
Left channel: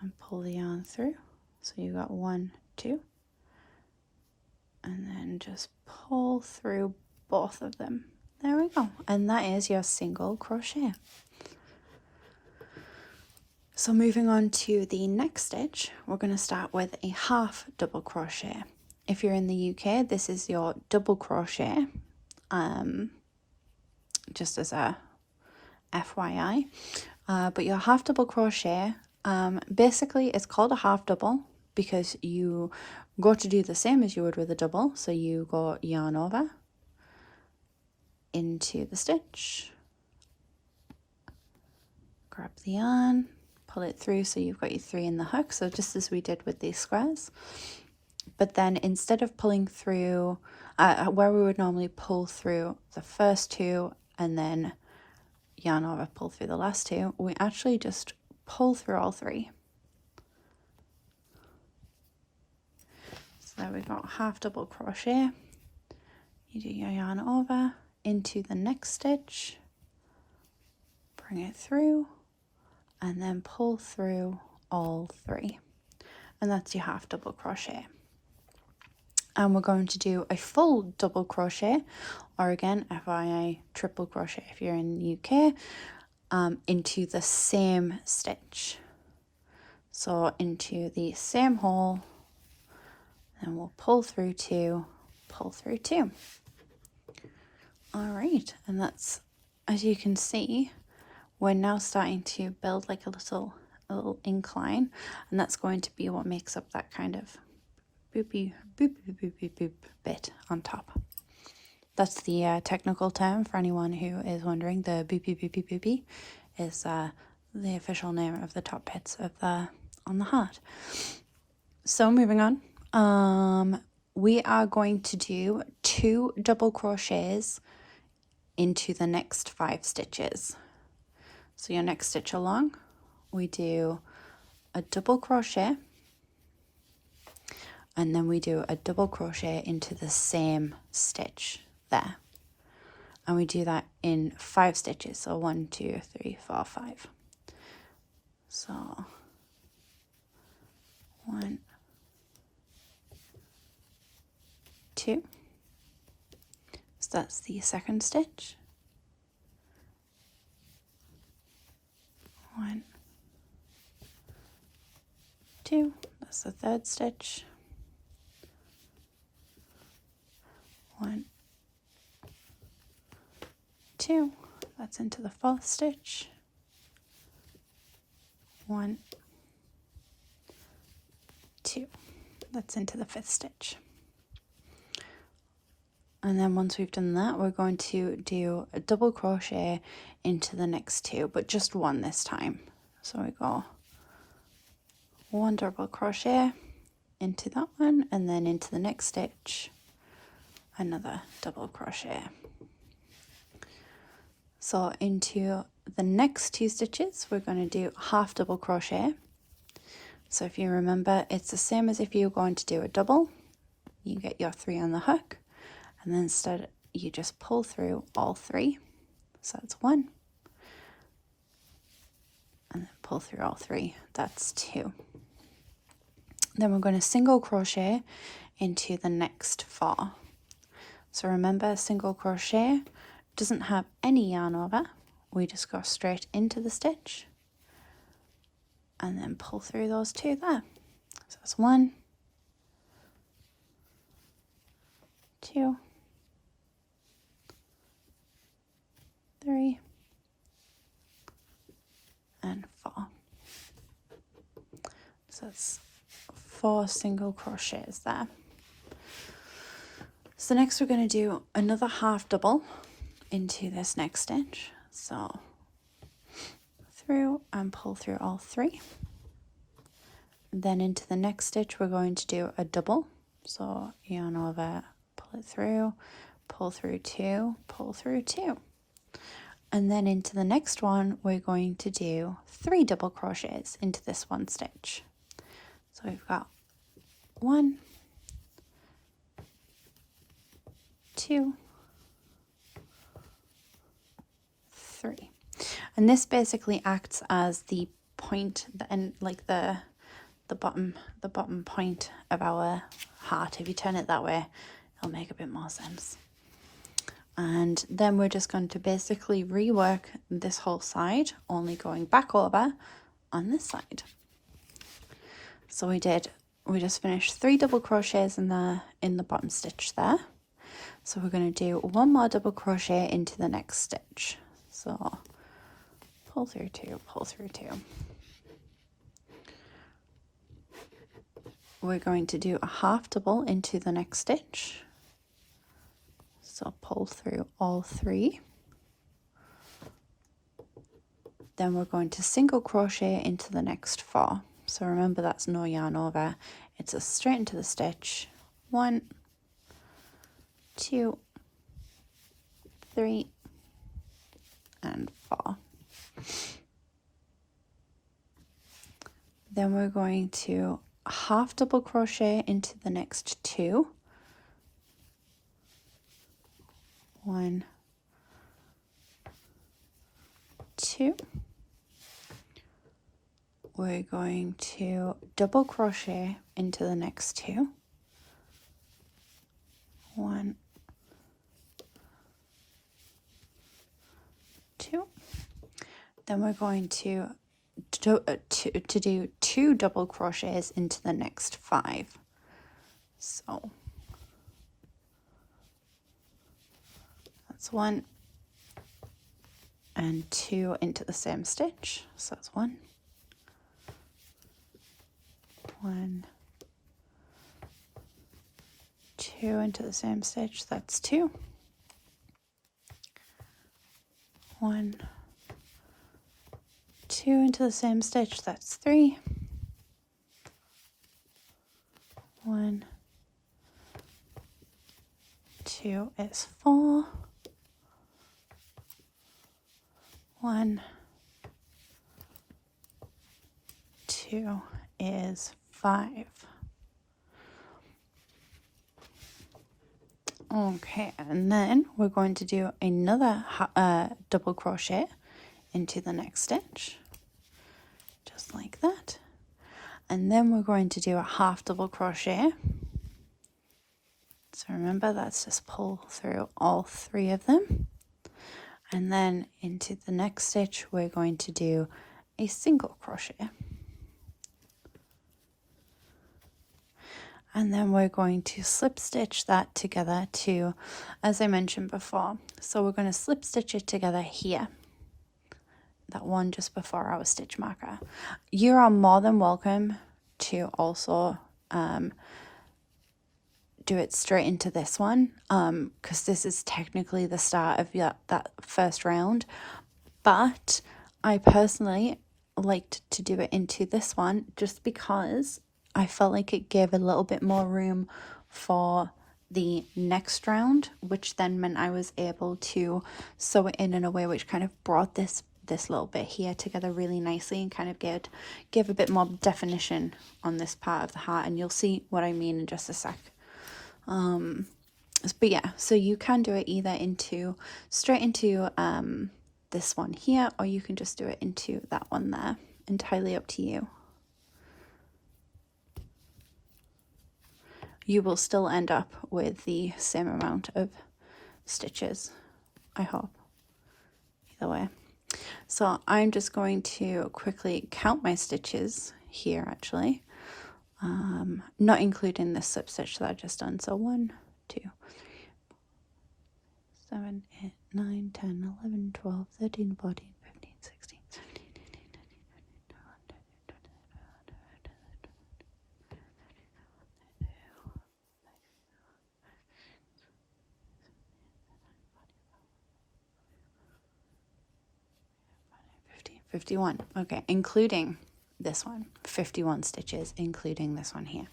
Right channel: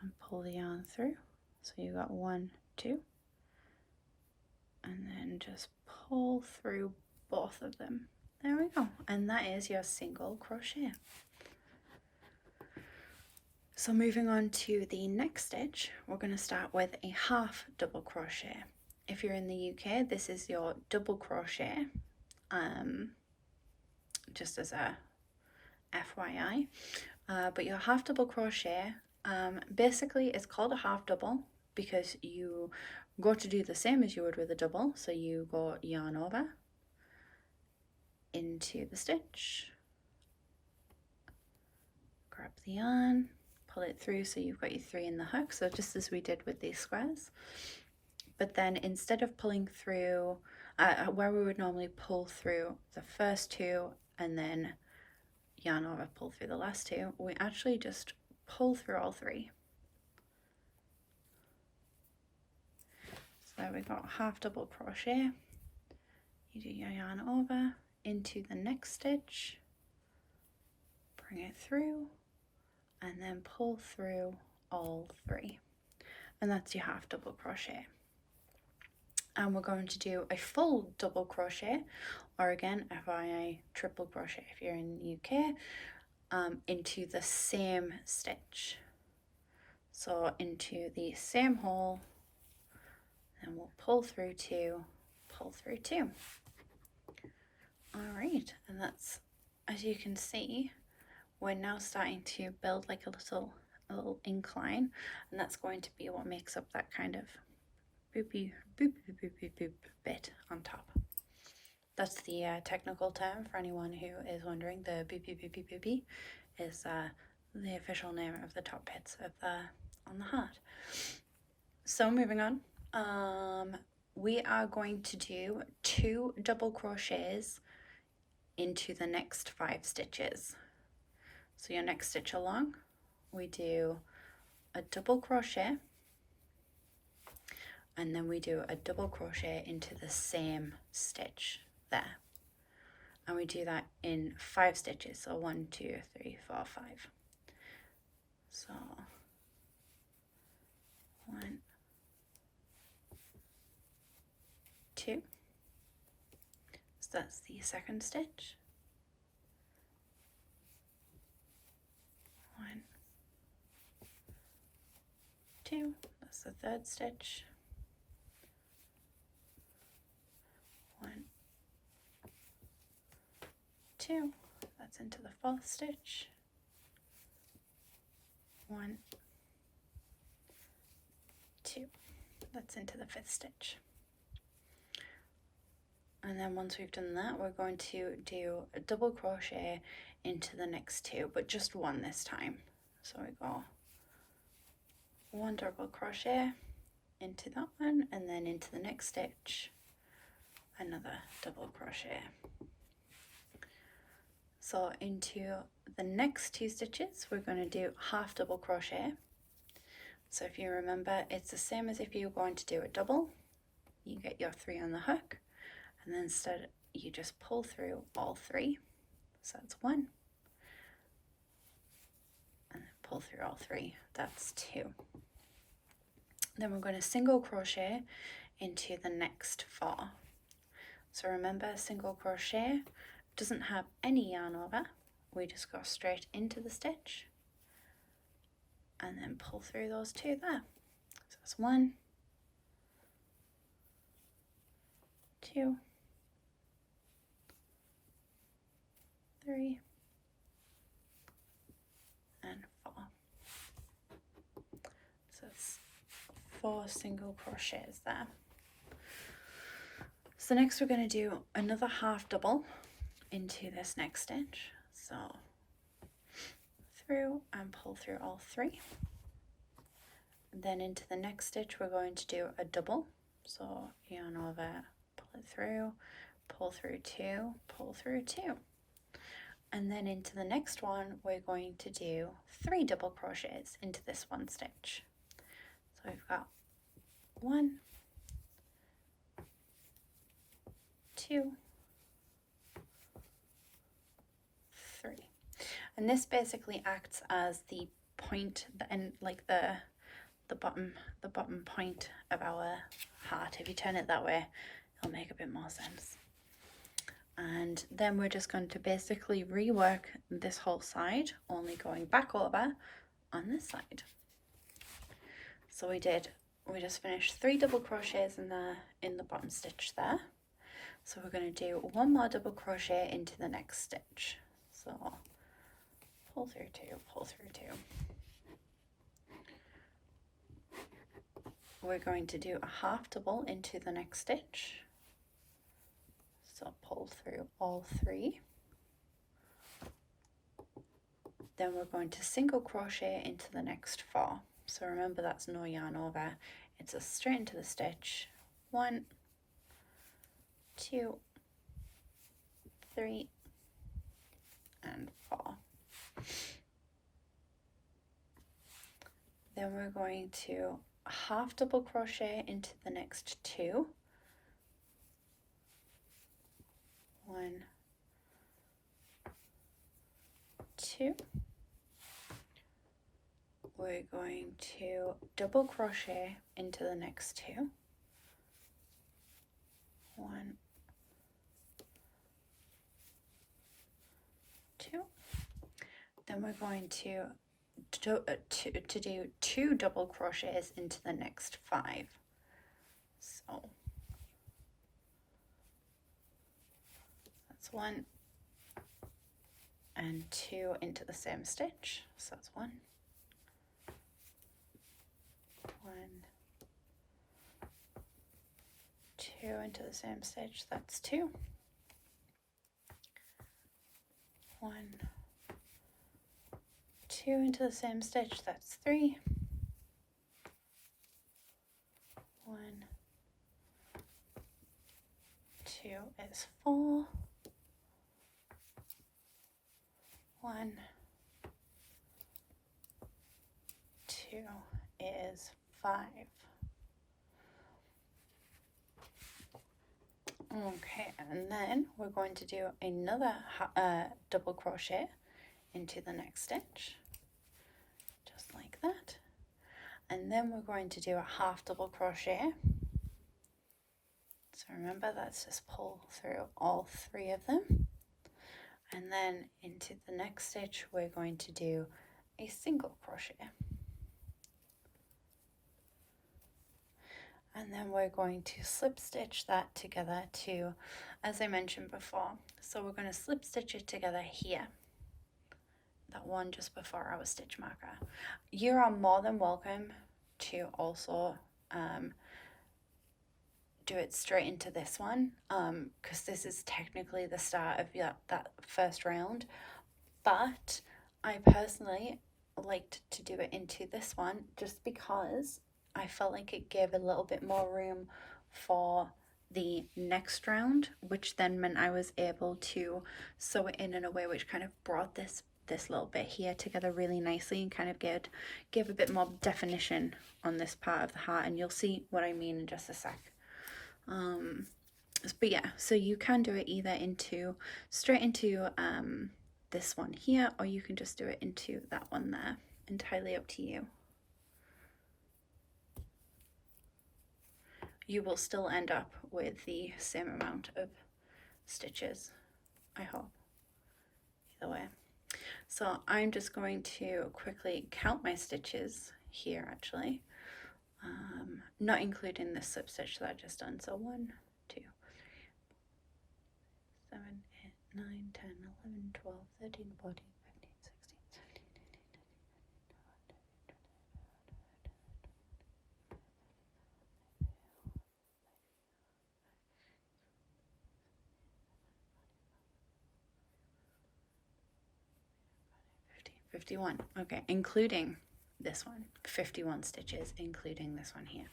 and pull the yarn through. So you got 1, 2, and then just pull through both of them. There we go, and that is your single crochet. So moving on to the next stitch, we're going to start with a half double crochet. If you're in the UK, this is your double crochet, just as a FYI. But your half double crochet, basically it's called a half double because you go to do the same as you would with a double. So you go yarn over into the stitch, grab the yarn, pull it through, so you've got your 3 in the hook, so just as we did with these squares. But then instead of pulling through where we would normally pull through the first 2 and then yarn over, pull through the last 2, we actually just pull through all 3. So there we go, half double crochet. You do your yarn over into the next stitch, bring it through, and then pull through all 3, and that's your half double crochet. And we're going to do a full double crochet, or again FYI triple crochet if you're in the UK, into the same stitch. So into the same hole, and we'll pull through 2, pull through 2. All right, and that's, as you can see, we're now starting to build like a little incline, and that's going to be what makes up that kind of boopy boop boop boop boop boop bit on top. That's the technical term for anyone who is wondering. The boopy boopy boopy is the official name of the top bits of on the heart. So moving on, we are going to do 2 double crochets into the next 5 stitches. So your next stitch along, we do a double crochet, and then we do a double crochet into the same stitch there, and we do that in 5 stitches. So 1 2 3 4 5. So 1 2, so that's the second stitch. 1 2, that's the third stitch. 1 2, that's into the 4th stitch. 1 2, that's into the 5th stitch. And then once we've done that, we're going to do a double crochet into the next 2, but just 1 this time. So we go 1 double crochet into that one, and then into the next stitch, another double crochet. So into the next 2 stitches, we're going to do half double crochet. So if you remember, it's the same as if you're going to do a double. You get your 3 on the hook, and then instead you just pull through all 3. So that's 1, and then pull through all 3. That's 2. Then we're going to single crochet into the next 4. So remember, single crochet doesn't have any yarn over. We just go straight into the stitch and then pull through those 2 there. So that's 1, 2, 3, and 4. So that's 4 single crochets there. So next we're going to do another half double into this next stitch. So through and pull through all 3. Then into the next stitch we're going to do a double. So yarn over, pull it through, pull through 2, pull through 2. And then into the next one we're going to do 3 double crochets into this one stitch. So we've got 1, 2, 3. And this basically acts as the point, the end, like the bottom point of our heart. If you turn it that way, it'll make a bit more sense. And then we're just going to basically rework this whole side, only going back over on this side. So we just finished 3 double crochets in the bottom stitch there. So we're going to do 1 more double crochet into the next stitch. So pull through 2, pull through 2. We're going to do a half double into the next stitch. So pull through all 3. Then we're going to single crochet into the next 4. So remember, that's no yarn over. It's a straight into the stitch. 1, 2, 3, and 4. Then we're going to half double crochet into the next 2. 1, 2. We're going to double crochet into the next 2. 1, 2. Then we're going to do 2 double crochets into the next 5. So So 1 and 2 into the same stitch, so that's 1, 1, 2 into the same stitch, that's 2, 1, 2 into the same stitch, that's 3, 1, 2 is 4, 1, 2 is 5. Okay, and then we're going to do another double crochet into the next stitch, just like that. And then we're going to do a half double crochet. So remember, that's just pull through all 3 of them. And then into the next stitch, we're going to do a single crochet. And then we're going to slip stitch that together to, as I mentioned before. So we're going to slip stitch it together here. That one just before our stitch marker. You are more than welcome to also do it straight into this one, because this is technically the start of that first round, but I personally liked to do it into this one just because I felt like it gave a little bit more room for the next round, which then meant I was able to sew it in a way which kind of brought this little bit here together really nicely and kind of give a bit more definition on this part of the heart, and you'll see what I mean in just a sec. But yeah, so you can do it either straight into this one here, or you can just do it into that one there. Entirely up to you. You will still end up with the same amount of stitches, I hope. Either way. So I'm just going to quickly count my stitches here, actually. Not including this slip stitch that I just done. So 1, 2, 3, 4, 7, 8, 9, 10, 11, 12, 13, 14, 15, 16, 17, 18, 19, 51. Okay, including this one. 51 stitches, including this one here.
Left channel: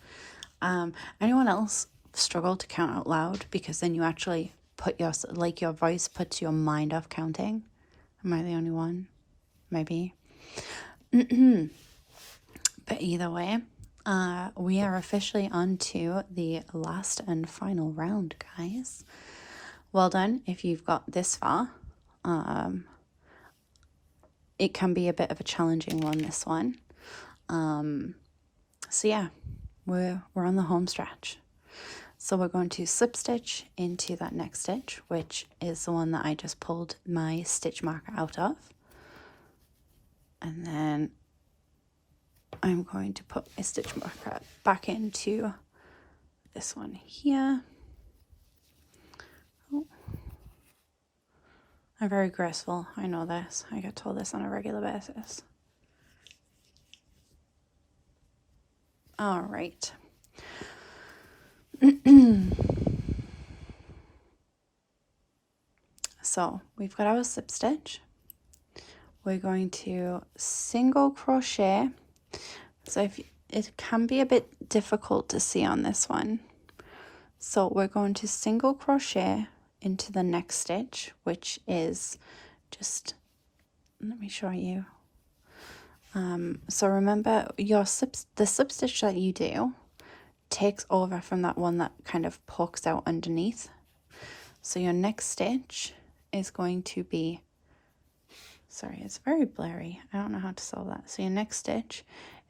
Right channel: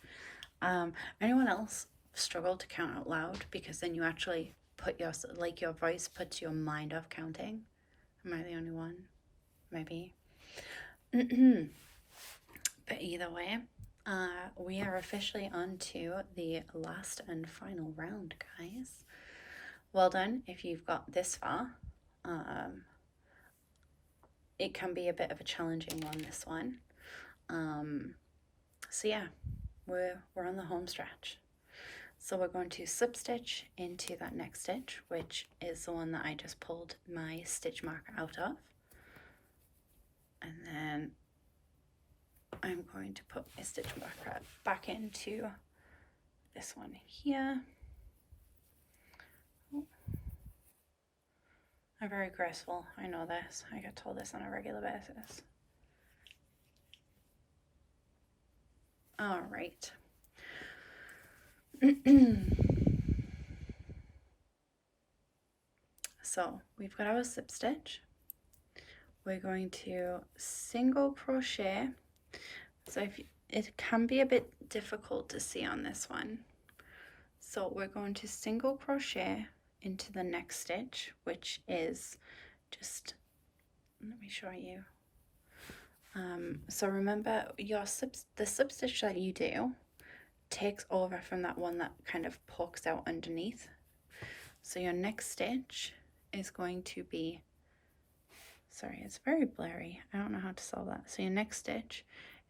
Anyone else struggle to count out loud? Because then you actually put your voice puts your mind off counting. Am I the only one? Maybe. But either way, we are officially on to the last and final round, guys. Well done if you've got this far. It can be a bit of a challenging one, this one. So yeah, we're on the home stretch. So we're going to slip stitch into that next stitch, which is the one that I just pulled my stitch marker out of. And then I'm going to put a stitch marker back into this one here. Oh. I'm very graceful, I know this. I get told this on a regular basis. All right. So we've got our slip stitch. We're going to single crochet. So it can be a bit difficult to see on this one. So we're going to single crochet into the next stitch, which is just, let me show you. So remember the slip stitch that you do takes over from that one that kind of pokes out underneath. So your next stitch is going to be, sorry, it's very blurry. I don't know how to solve that. So your next stitch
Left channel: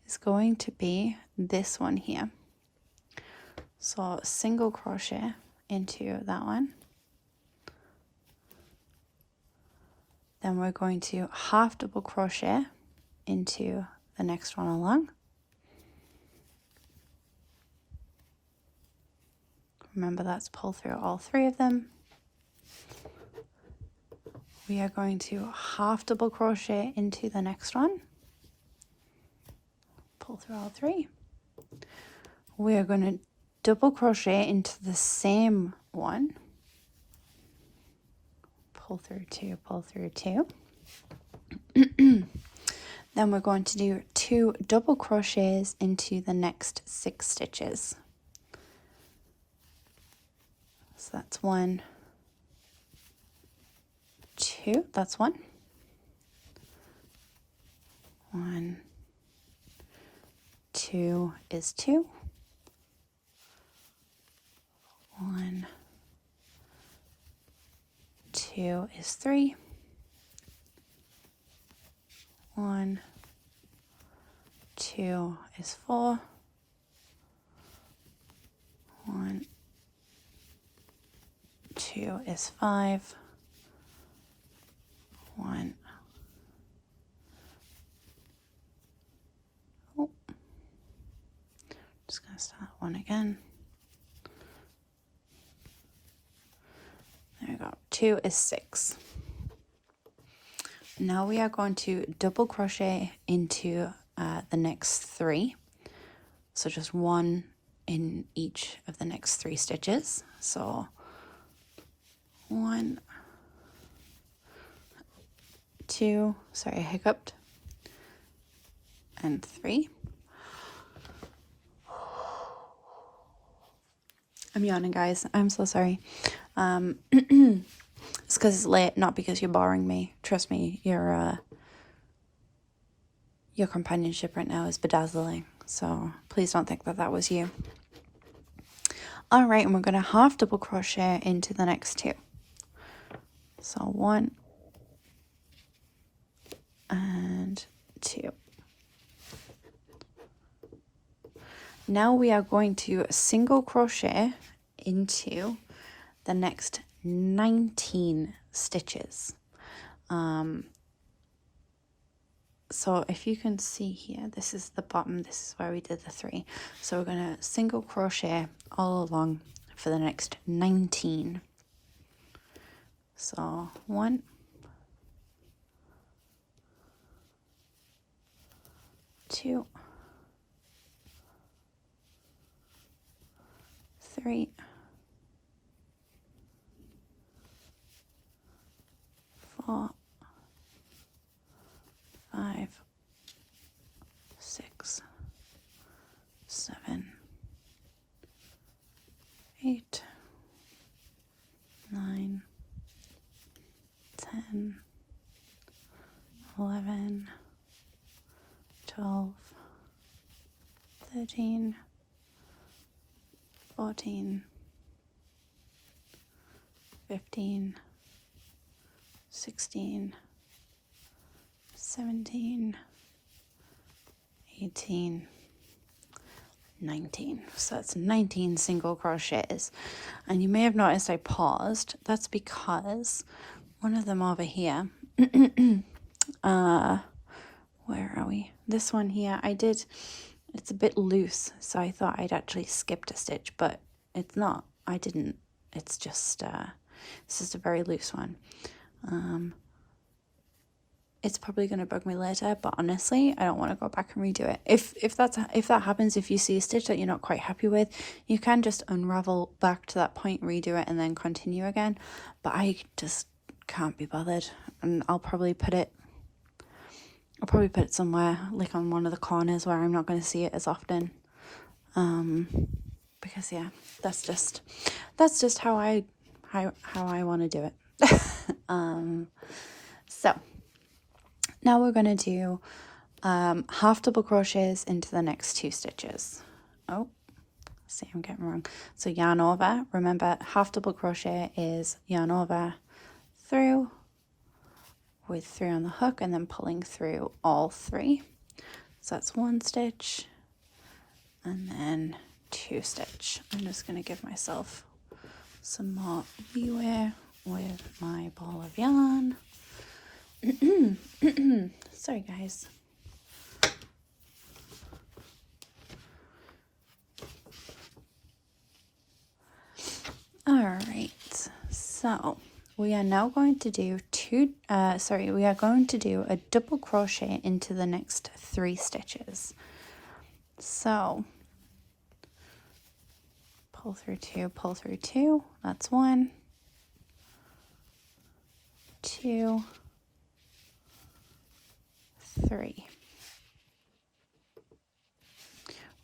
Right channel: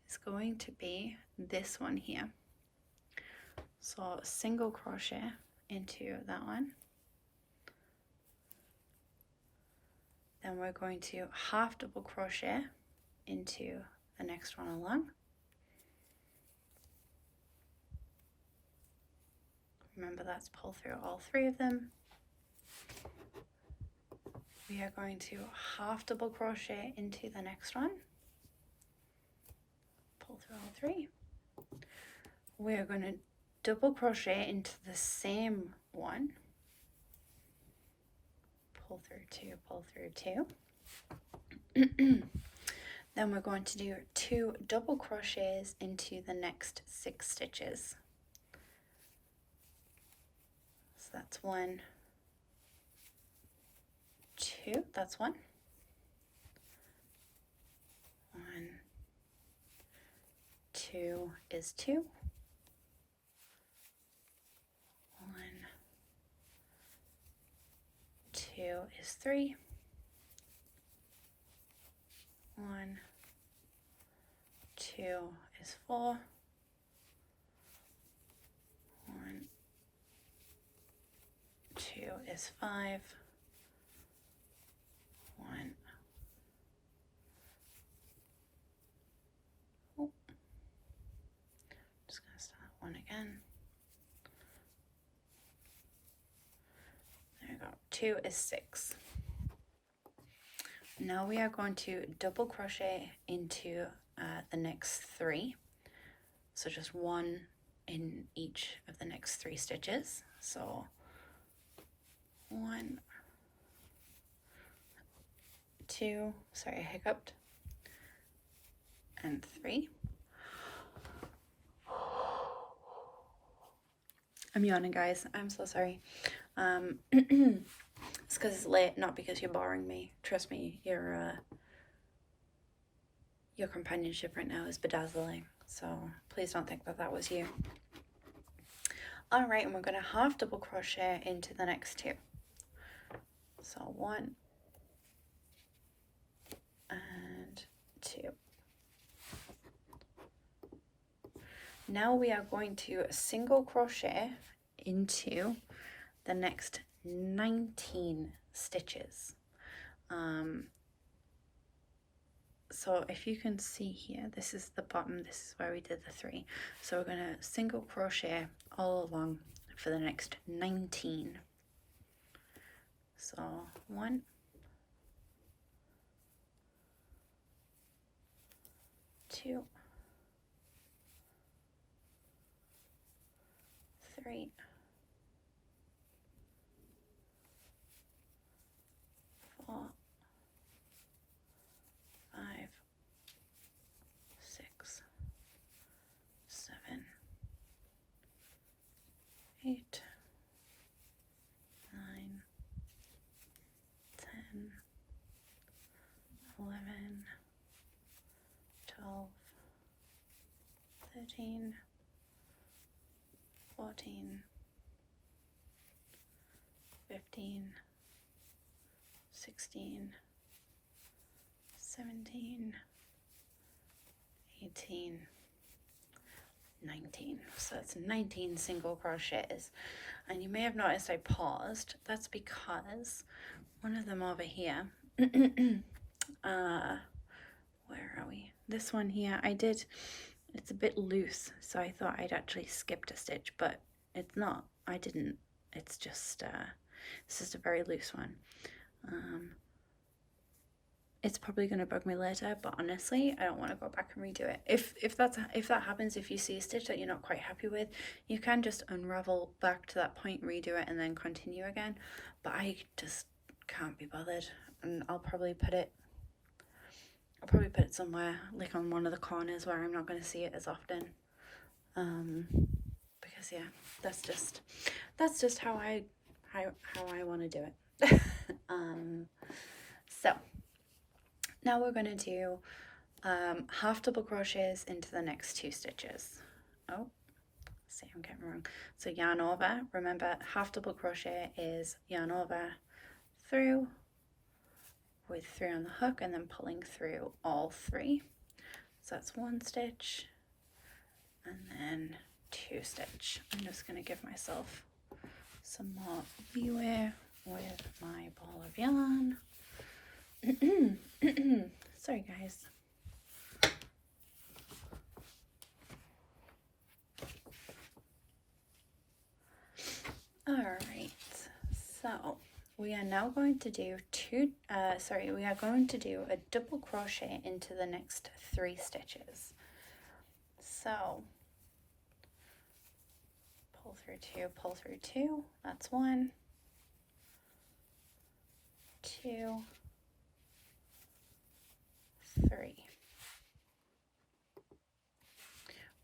is going to be this one here. So single crochet into that one. Then we're going to half double crochet into the next one along. Remember, that's pull through all 3 of them. we are going to half double crochet into the next one, pull through all 3. We are going to double crochet into the same one, pull through 2, pull through 2. Then we're going to do 2 double crochets into the next 6 stitches. So that's 1, 2, that's 1. 1, 2 is 2. 1, 2 is 3. 1, 2 is 4. 1, 2 is 5. 1. Oh. Just gonna start 1 again. There we go. 2 is 6. Now we are going to double crochet into the next 3. So just 1 in each of the next 3 stitches. So 1, 2, sorry, I hiccuped, and 3. I'm yawning, guys. I'm so sorry. It's because it's late, not because you're boring me. Trust me, your companionship right now is bedazzling. So please don't think that was you. All right, and we're going to half double crochet into the next 2. So 1 and 2. Now we are going to single crochet into the next 19 stitches. So if you can see here, this is the bottom, this is where we did the 3. So we're going to single crochet all along for the next 19. So 1, 2, 3, 4, 5, 6, 7, 8, 9, 10, 11, 12, 13, 14, 15, 16, 17, 18, 19. So that's 19 single crochets. And you may have noticed I paused. That's because one of them over here, where are we? This one here, it's a bit loose, so I thought I'd actually skipped a stitch, but it's not. I didn't. It's just a very loose one. It's probably going to bug me later, but honestly, I don't want to go back and redo it. If that happens, if you see a stitch that you're not quite happy with, you can just unravel back to that point, redo it, and then continue again. But I just can't be bothered, and I'll probably put it somewhere like on one of the corners where I'm not going to see it as often. Because yeah, that's just how I want to do it. So now we're going to do half double crochets into the next 2 stitches. Oh, see, I'm getting wrong. So yarn over. Remember, half double crochet is yarn over, through, with 3 on the hook, and then pulling through all 3. So that's 1 stitch and then 2 stitch. I'm just going to give myself some more leeway with my ball of yarn. Sorry guys. All right, so we are now going to do 2 we are going to do a double crochet into the next 3 stitches. So pull through 2, that's 1, 2, 3.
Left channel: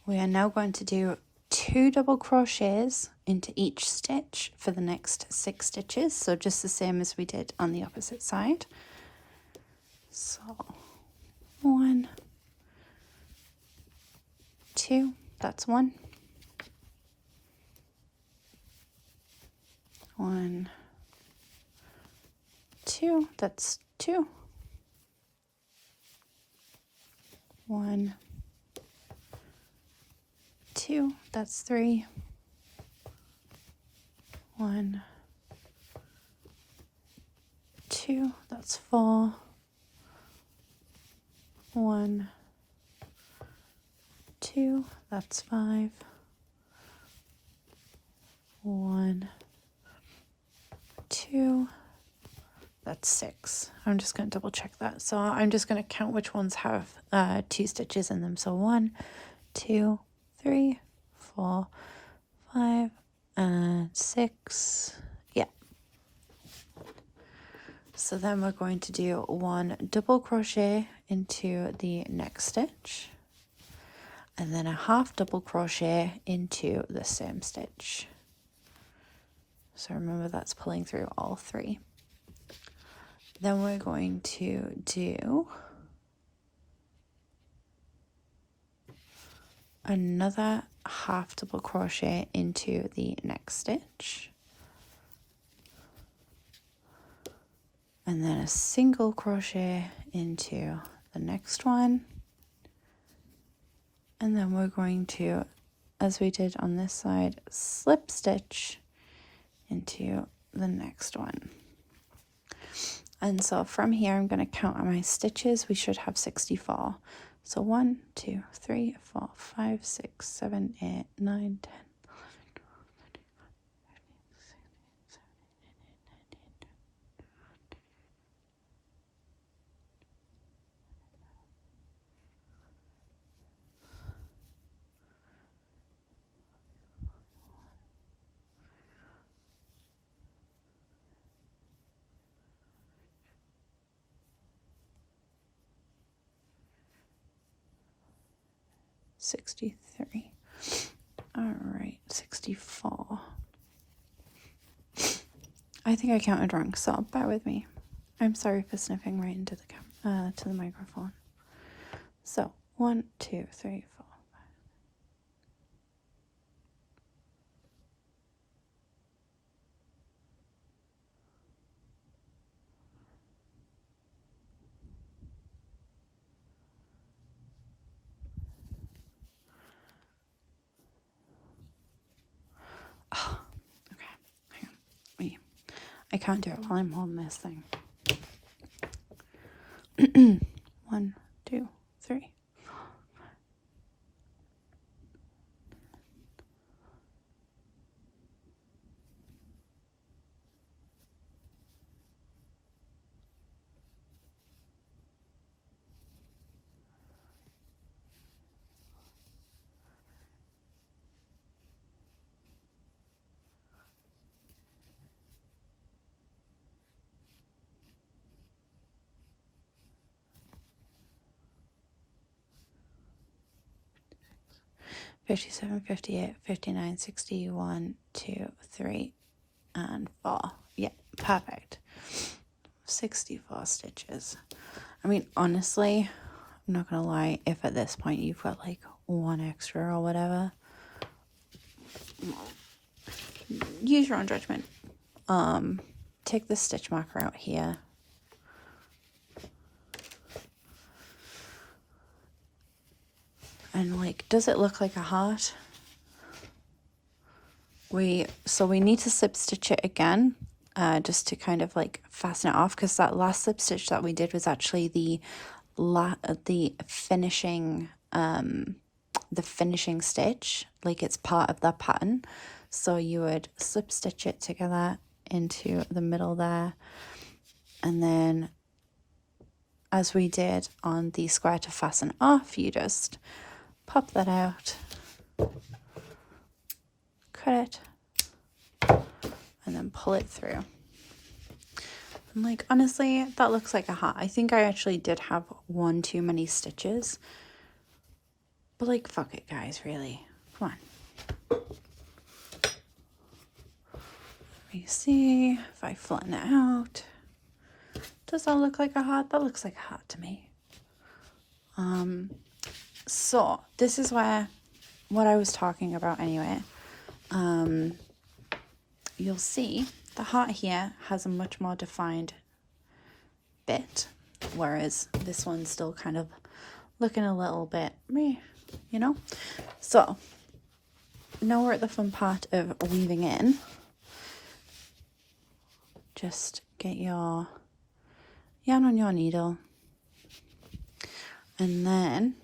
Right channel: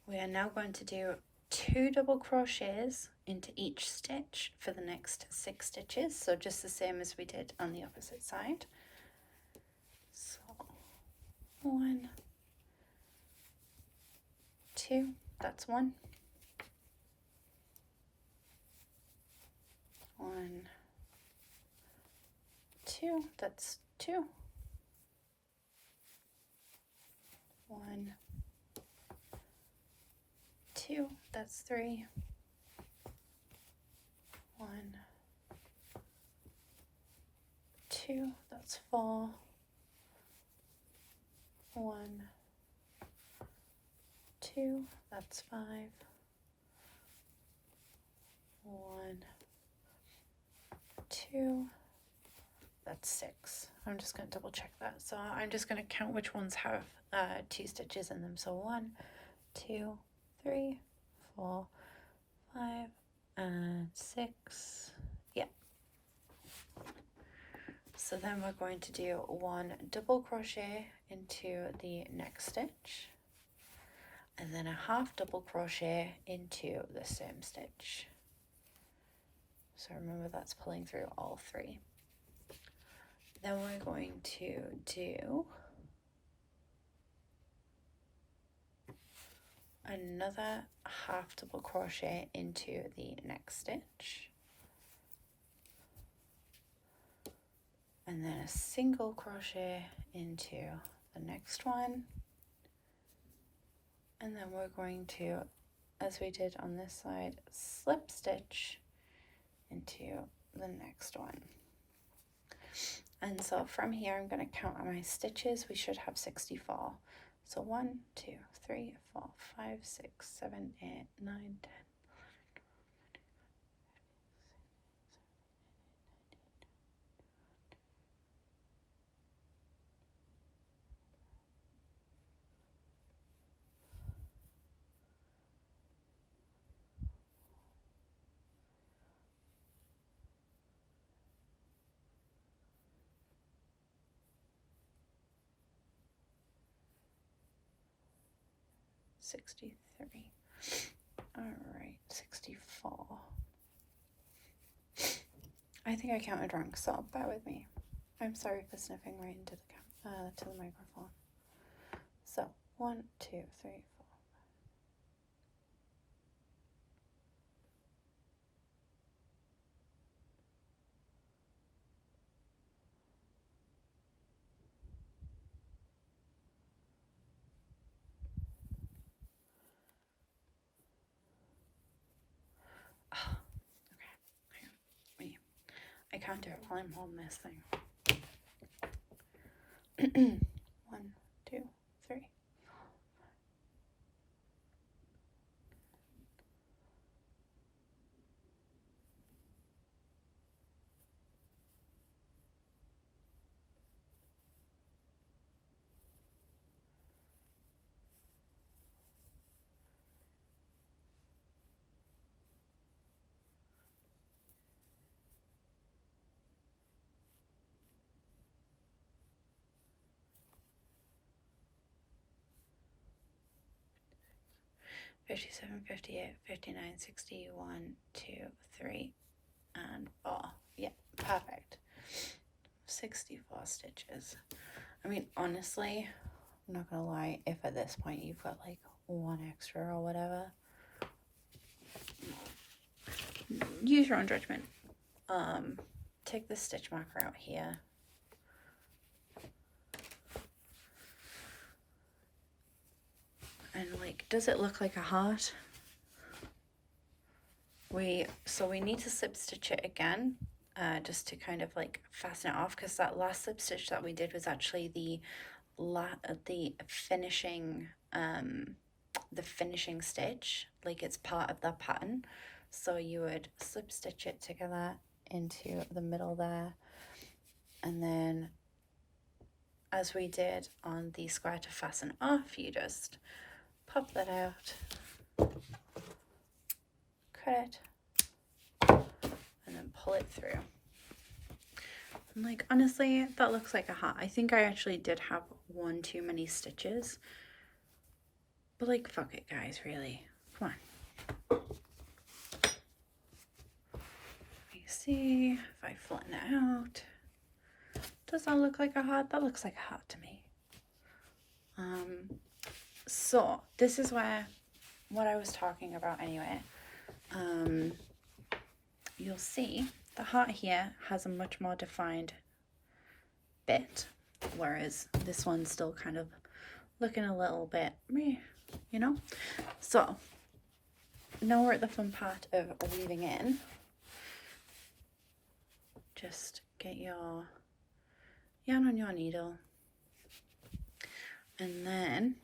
We are now going to do 2 double crochets into each stitch for the next 6 stitches, so just the same as we did on the opposite side. So 1, 2, that's 1, 1, 2, that's 2, 1, 2, that's 3, 1, 2, that's 4, 1, 2, that's 5, 1, 2, that's 6. I'm just going to double check that. So I'm just going to count which ones have 2 stitches in them. So 1, 2, 3, 4, 5, and 6. Yeah. So then we're going to do 1 double crochet into the next stitch, and then a half double crochet into the same stitch. So remember, that's pulling through all 3. Then we're going to do another half double crochet into the next stitch, and then a single crochet into the next one, and then we're going to, as we did on this side, slip stitch into the next one. And so from here I'm going to count on my stitches. We should have 64. So 1, 2, 3, 4, 5, 6, 7, 8, 9, 10, 63. All right, 64. I think I counted wrong, so bear with me. I'm sorry for sniffing right into the to the microphone. So 1, 2, 3, 4. 5. Oh, okay. Hang on. Wait. I can't do it while I'm holding this thing. 1, 2, 3. 57, 58, 59, 60, 1, 2, 3, and 4. Yeah, perfect. 64 stitches. I mean, honestly, I'm not gonna lie, if at this point you've got like 1 extra or whatever, use your own judgment. Take the stitch marker out here. And like, does it look like a heart? So we need to slip stitch it again, just to kind of like fasten it off, because that last slip stitch that we did was actually the finishing stitch, like it's part of that pattern. So you would slip stitch it together into the middle there, And then as we did on the square to fasten off, you just pop that out, cut it, and then pull it through. And like, honestly, that looks like a hat. I think I actually did have one too many stitches. But like, fuck it, guys, really. Come on. You see, if I flatten it out, does that look like a hat? That looks like a hat to me. So this is where, what I was talking about anyway. You'll see the heart here has a much more defined bit, whereas this one's still kind of looking a little bit meh, you know? So now we're at the fun part of weaving in. Just get your yarn on your needle. And then,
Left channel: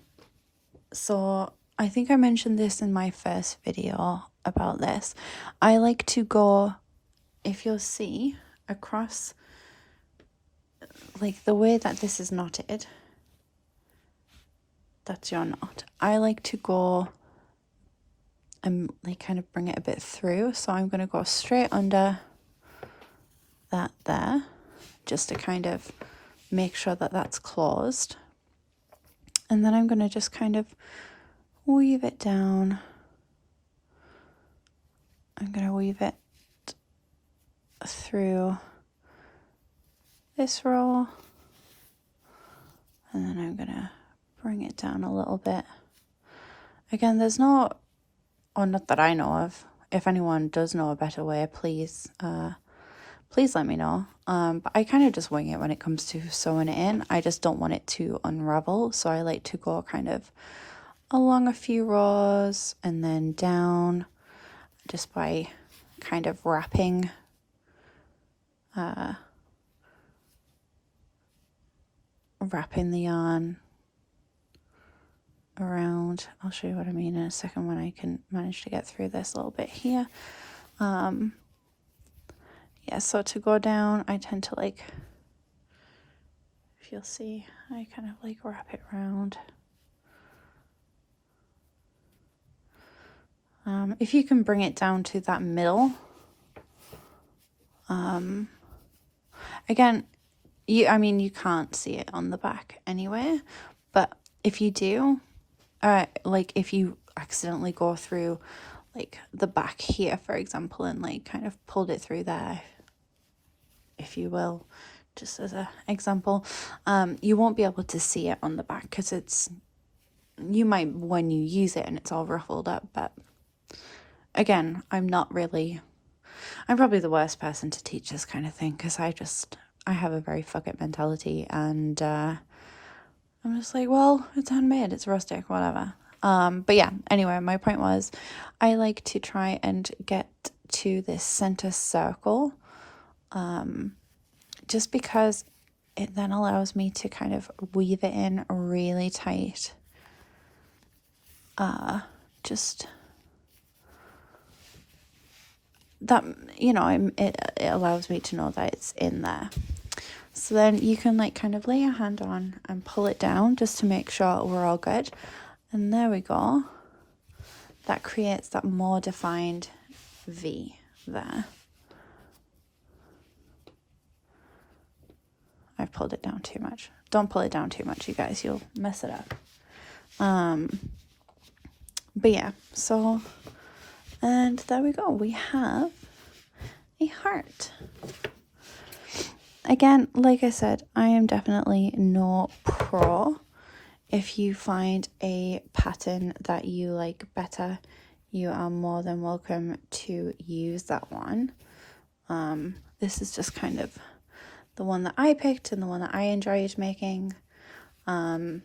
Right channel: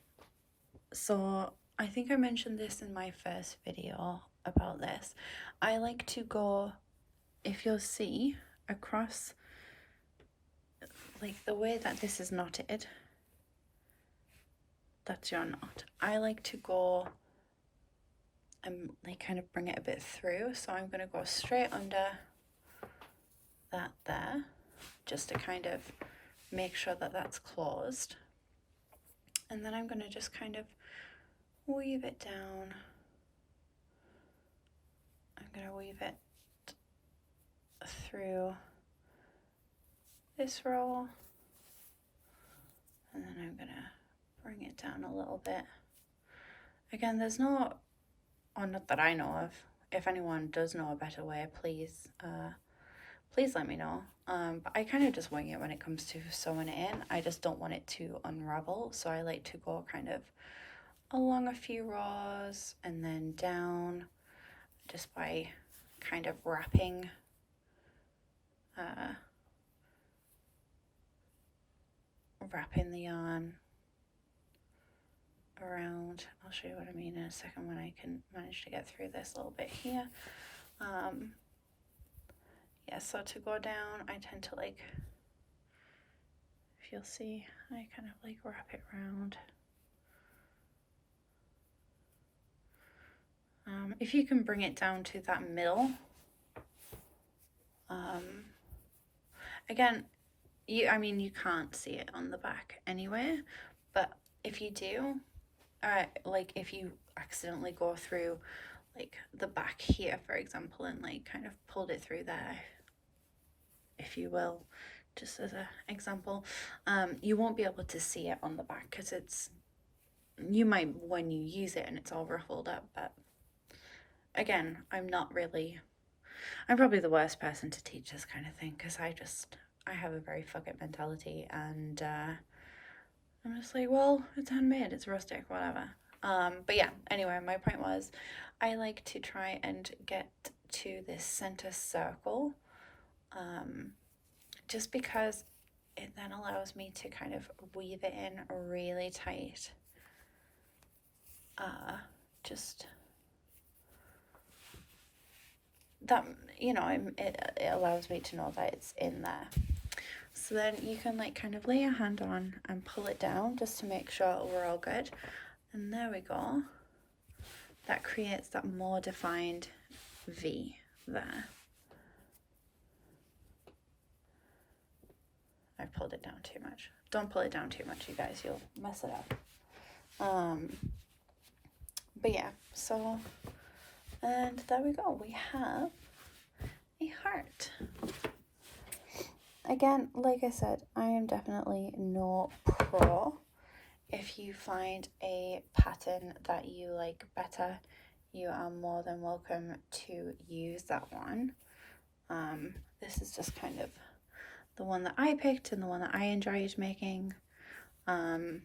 so I think I mentioned this in my first video about this. I like to go, if you'll see, across, like the way that this is knotted, that's your knot. I like to go and like kind of bring it a bit through. So I'm going to go straight under that there, just to kind of make sure that that's closed. And then I'm going to just kind of weave it down. I'm going to weave it through this row. And then I'm going to bring it down a little bit. Again, there's no, or not that I know of. If anyone does know a better way, please let me know. But I kind of just wing it when it comes to sewing it in. I just don't want it to unravel. So I like to go kind of along a few rows and then down, just by kind of wrapping the yarn around. I'll show you what I mean in a second when I can manage to get through this little bit here. Yeah, so to go down, I tend to like, if you'll see, I kind of like wrap it around. If you can bring it down to that middle, again, you can't see it on the back anyway, but if you do, like if you accidentally go through like the back here, for example, and like kind of pulled it through there, if you will, just as an example, you won't be able to see it on the back because you might when you use it and it's all ruffled up, but again, I'm probably the worst person to teach this kind of thing because I have a very fuck it mentality, and I'm just like, well, it's handmade, it's rustic, whatever. But yeah, anyway, my point was I like to try and get to this center circle, just because it then allows me to kind of weave it in really tight. Just that, it allows me to know that it's in there. So then you can like kind of lay your hand on and pull it down just to make sure we're all good. And there we go. That creates that more defined V there. I've pulled it down too much. Don't pull it down too much, you guys. You'll mess it up. But yeah, so, and there we go. We have a heart. Again, like I said, I am definitely no pro. If you find a pattern that you like better, you are more than welcome to use that one. This is just kind of the one that I picked and the one that I enjoyed making. And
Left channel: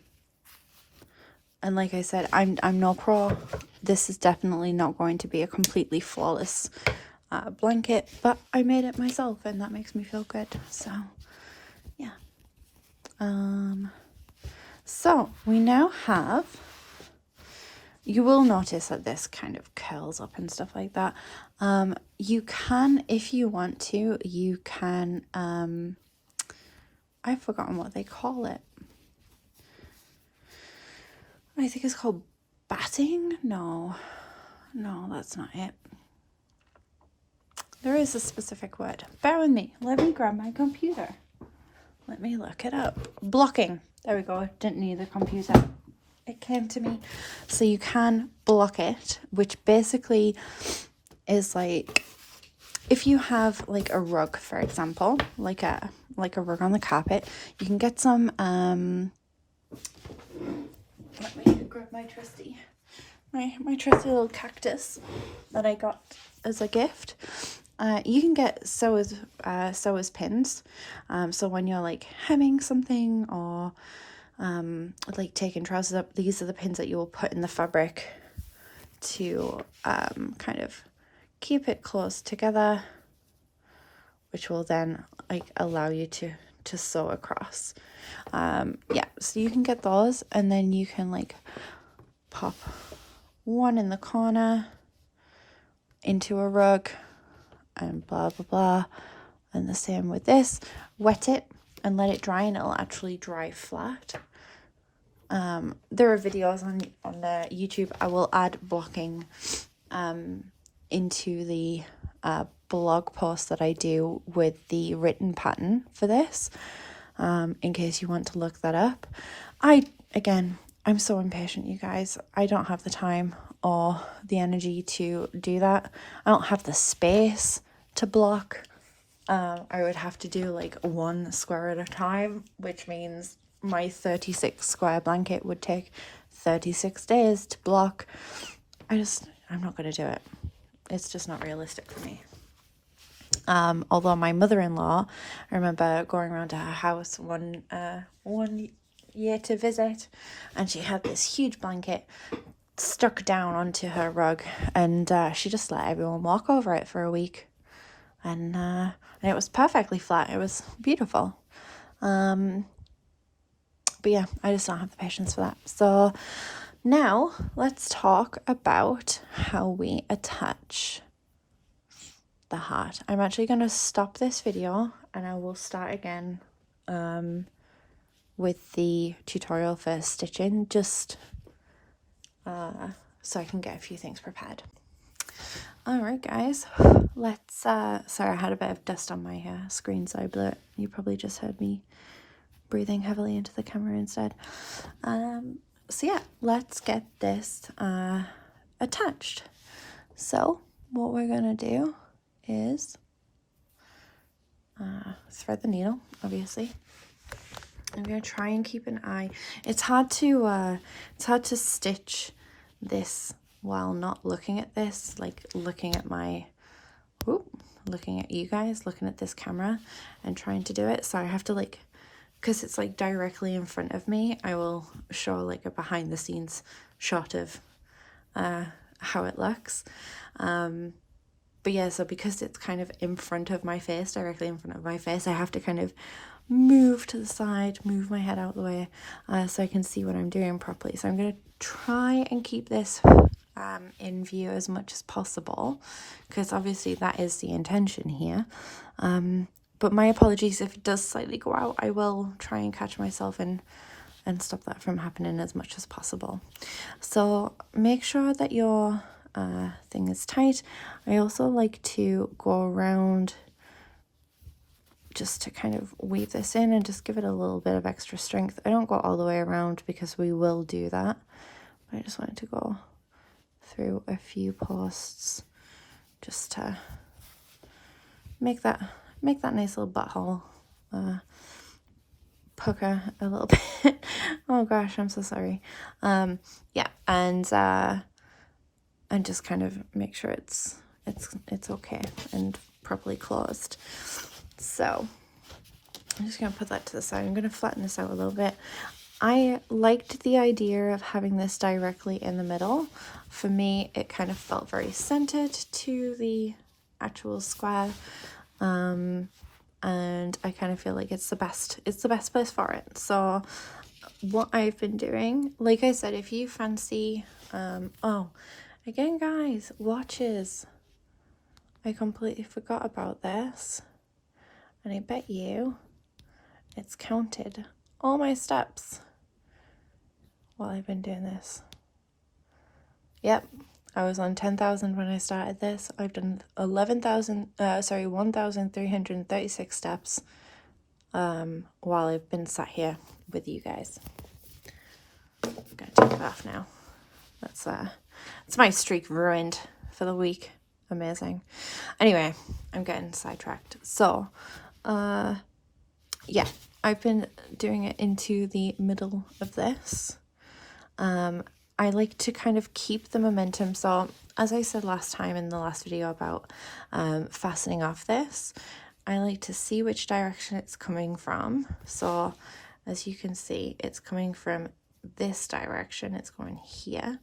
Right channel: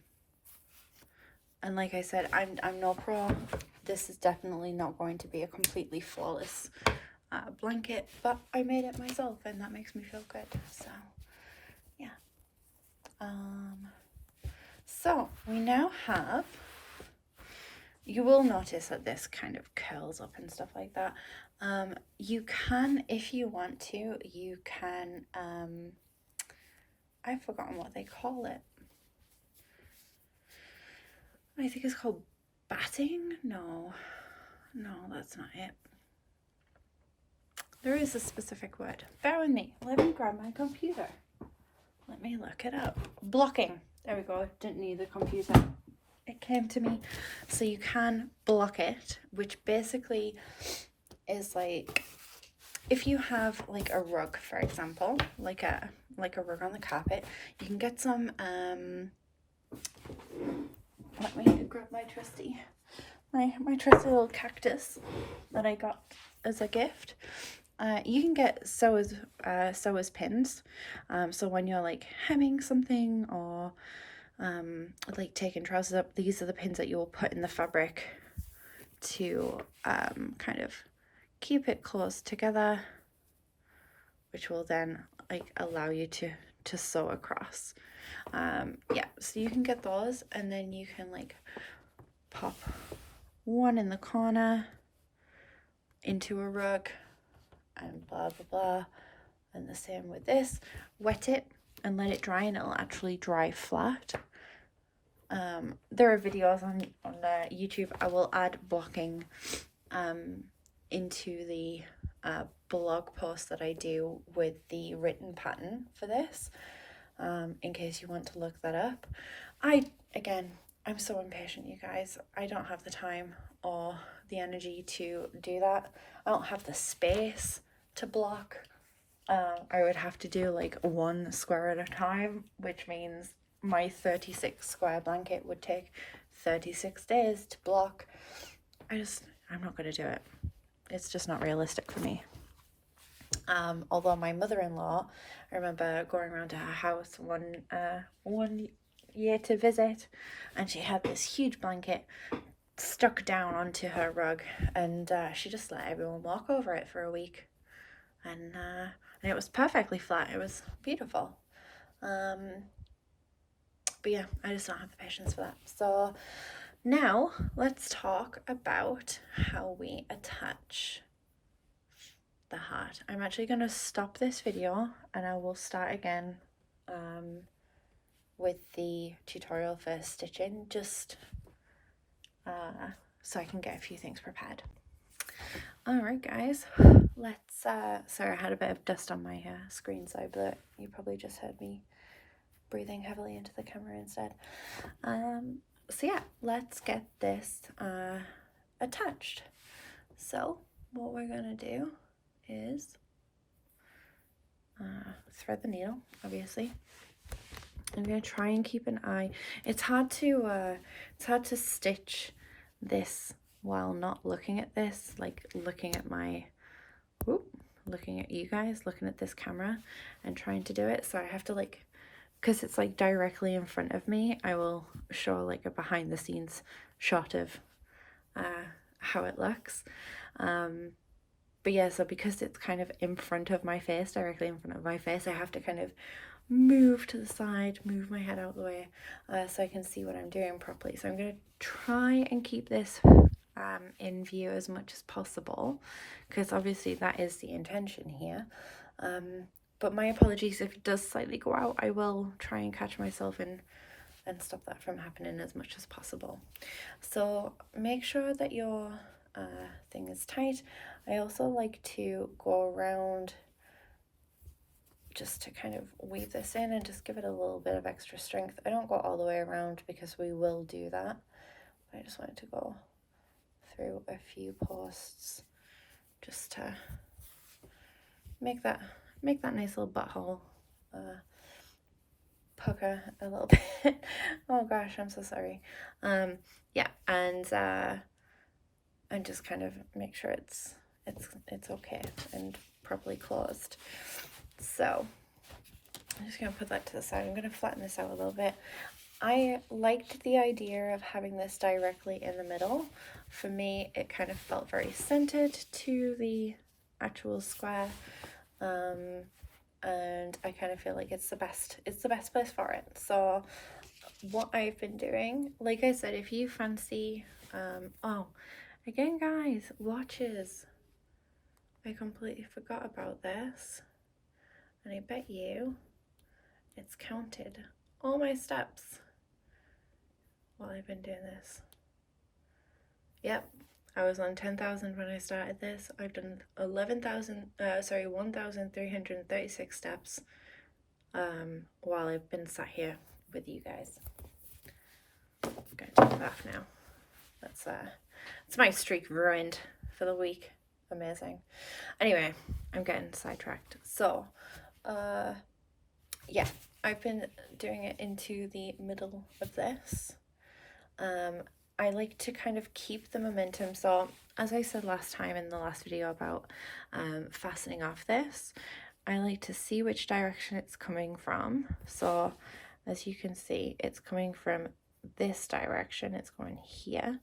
like I said, I'm no pro. This is definitely not going to be a completely flawless blanket, but I made it myself and that makes me feel good. So yeah. So we now have, you will notice that this kind of curls up and stuff like that. You can, if you want to, you can I've forgotten what they call it. I think it's called batting. No, that's not it. There is a specific word. Bear with me. Let me grab my computer. Let me look it up. Blocking. There we go. Didn't need the computer. It came to me. So you can block it, which basically is like, if you have like a rug, for example, like a rug on the carpet, you can get some let me grab my trusty little cactus that I got as a gift. You can get sewer's pins. So when you're like hemming something or like taking trousers up, these are the pins that you will put in the fabric to kind of keep it close together, which will then like allow you to sew across. Yeah, so you can get those, and then you can like pop one in the corner into a rug and blah blah blah, and the same with this. Wet it and let it dry, and it'll actually dry flat. There are videos on the YouTube. I will add blocking into the blog post that I do with the written pattern for this, in case you want to look that up. I'm so impatient, you guys. I don't have the time or the energy to do that. I don't have the space to block. I would have to do like one square at a time, which means my 36 square blanket would take 36 days to block. I'm not going to do it. It's just not realistic for me. Although my mother-in-law, I remember going around to her house one year to visit, and she had this huge blanket stuck down onto her rug, and she just let everyone walk over it for a week, and it was perfectly flat. It was beautiful. But yeah, I just don't have the patience for that. So now let's talk about how we attach the heart. I'm actually going to stop this video and I will start again with the tutorial for stitching, just so I can get a few things prepared. Alright guys, let's sorry, I had a bit of dust on my screen, so I blew it. You probably just heard me breathing heavily into the camera instead. So yeah, let's get this attached. So what we're gonna do is thread the needle, obviously. I'm gonna try and keep an eye. It's hard to stitch this while not looking at this, like looking at you guys, looking at this camera and trying to do it. So I have to like, because it's like directly in front of me, I will show like a behind the scenes shot of how it looks. But yeah, so because it's kind of in front of my face, directly in front of my face, I have to kind of move to the side, move my head out of the way, so I can see what I'm doing properly. So I'm going to try and keep this in view as much as possible, because obviously that is the intention here. But my apologies if it does slightly go out. I will try and catch myself and stop that from happening as much as possible. So make sure that your thing is tight. I also like to go around just to kind of weave this in and just give it a little bit of extra strength. I don't go all the way around because we will do that. I just wanted to go through a few posts just to make that nice little butthole pucker a little bit. Oh gosh, I'm so sorry. Yeah, and just kind of make sure it's okay and properly closed. So I'm just going to put that to the side. I'm going to flatten this out a little bit. I liked the idea of having this directly in the middle. For me, it kind of felt very centered to the actual square. And I kind of feel like it's the best place for it. So what I've been doing, like I said, if you fancy, oh, again guys, watches. I completely forgot about this. And I bet you it's counted all my steps while I've been doing this. Yep, I was on 10,000 when I started this. I've done 1,336 steps while I've been sat here with you guys. I'm gonna take it off now. That's my streak ruined for the week. Amazing. Anyway, I'm getting sidetracked. So, yeah, I've been doing it into the middle of this. I like to kind of keep the momentum. So as I said last time in the last video about fastening off this, I like to see which direction it's coming from. So as you can see, it's coming from this direction, it's going here.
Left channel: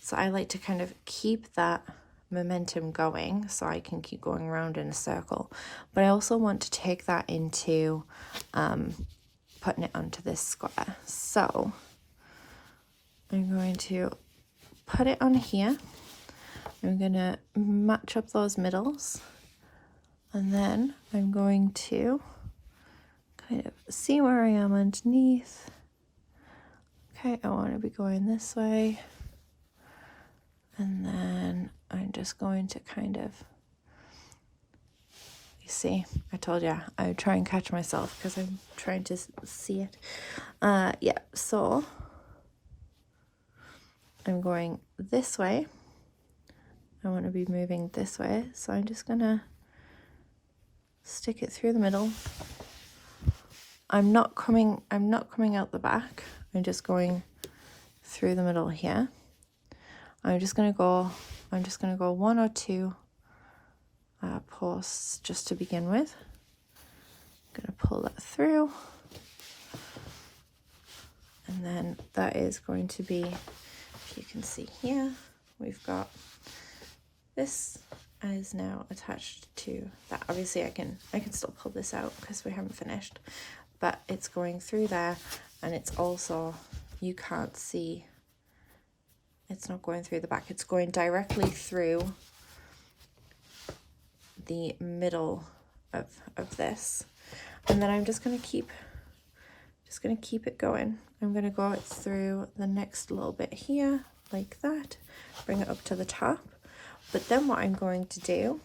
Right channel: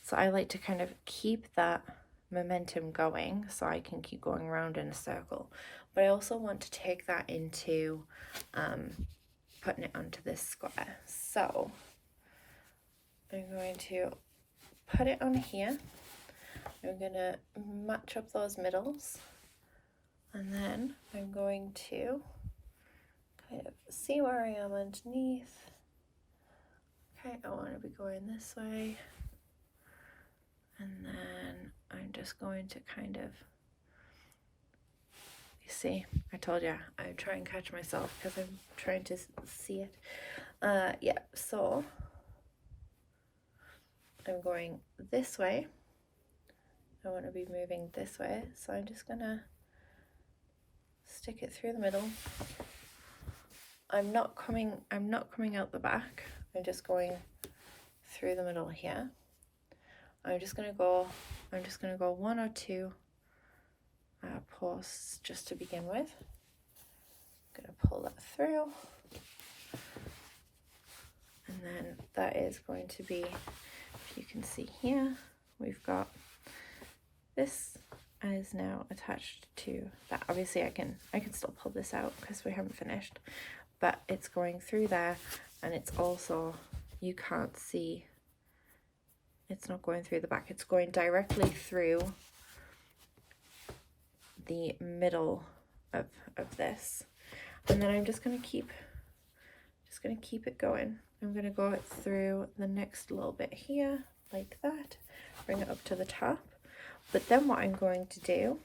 So I like to kind of keep that momentum going so I can keep going around in a circle. But I also want to take that into putting it onto this square. So I'm going to put it on here. I'm going to match up those middles, and then I'm going to kind of see where I am underneath. Okay, I want to be going this way, and then I'm just going to kind of, you see, I told you I would try and catch myself because I'm trying to see it. Yeah, so I'm going this way. I want to be moving this way, so I'm just gonna stick it through the middle. I'm not coming out the back. I'm just going through the middle here. I'm just gonna go 1 or 2 posts just to begin with. I'm gonna pull that through, and then that is going to be, if you can see here, we've got this is now attached to that. Obviously I can still pull this out because we haven't finished, but it's going through there, and it's also, you can't see, it's not going through the back, it's going directly through the middle of this. And then I'm just going to keep it going. I'm going to go it through the next little bit here like that, bring it up to the top. But then what I'm going to do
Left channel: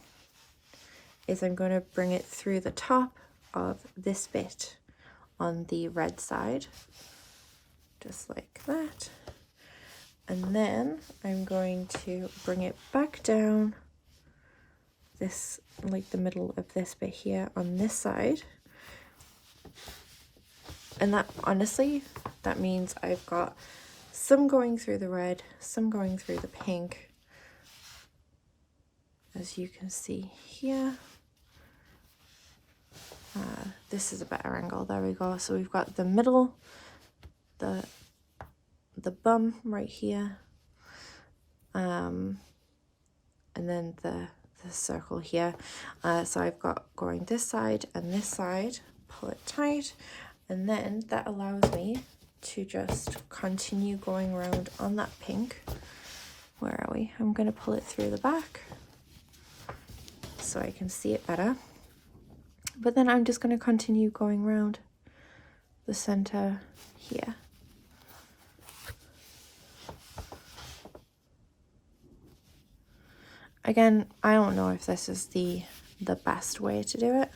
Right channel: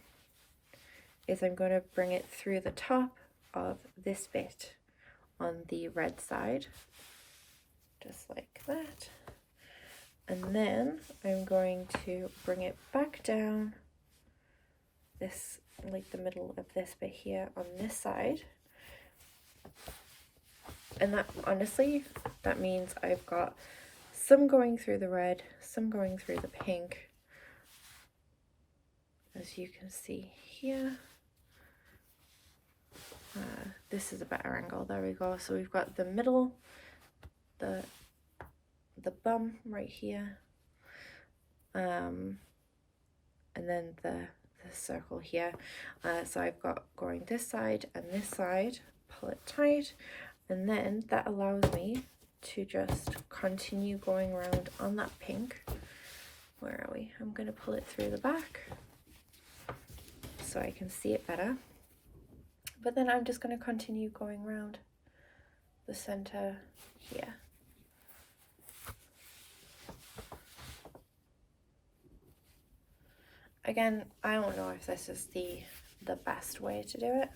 is I'm going to bring it through the top of this bit on the red side, just like that. And then I'm going to bring it back down this, like the middle of this bit here on this side. And that, honestly, that means I've got some going through the red, some going through the pink, as you can see here. This is a better angle, there we go. So we've got the middle, the bum right here, and then the circle here. So I've got going this side and this side, pull it tight, and then that allows me to just continue going around on that pink. Where are we? I'm going to pull it through the back so I can see it better. But then I'm just going to continue going around the center here. Again, I don't know if this is the best way to do it.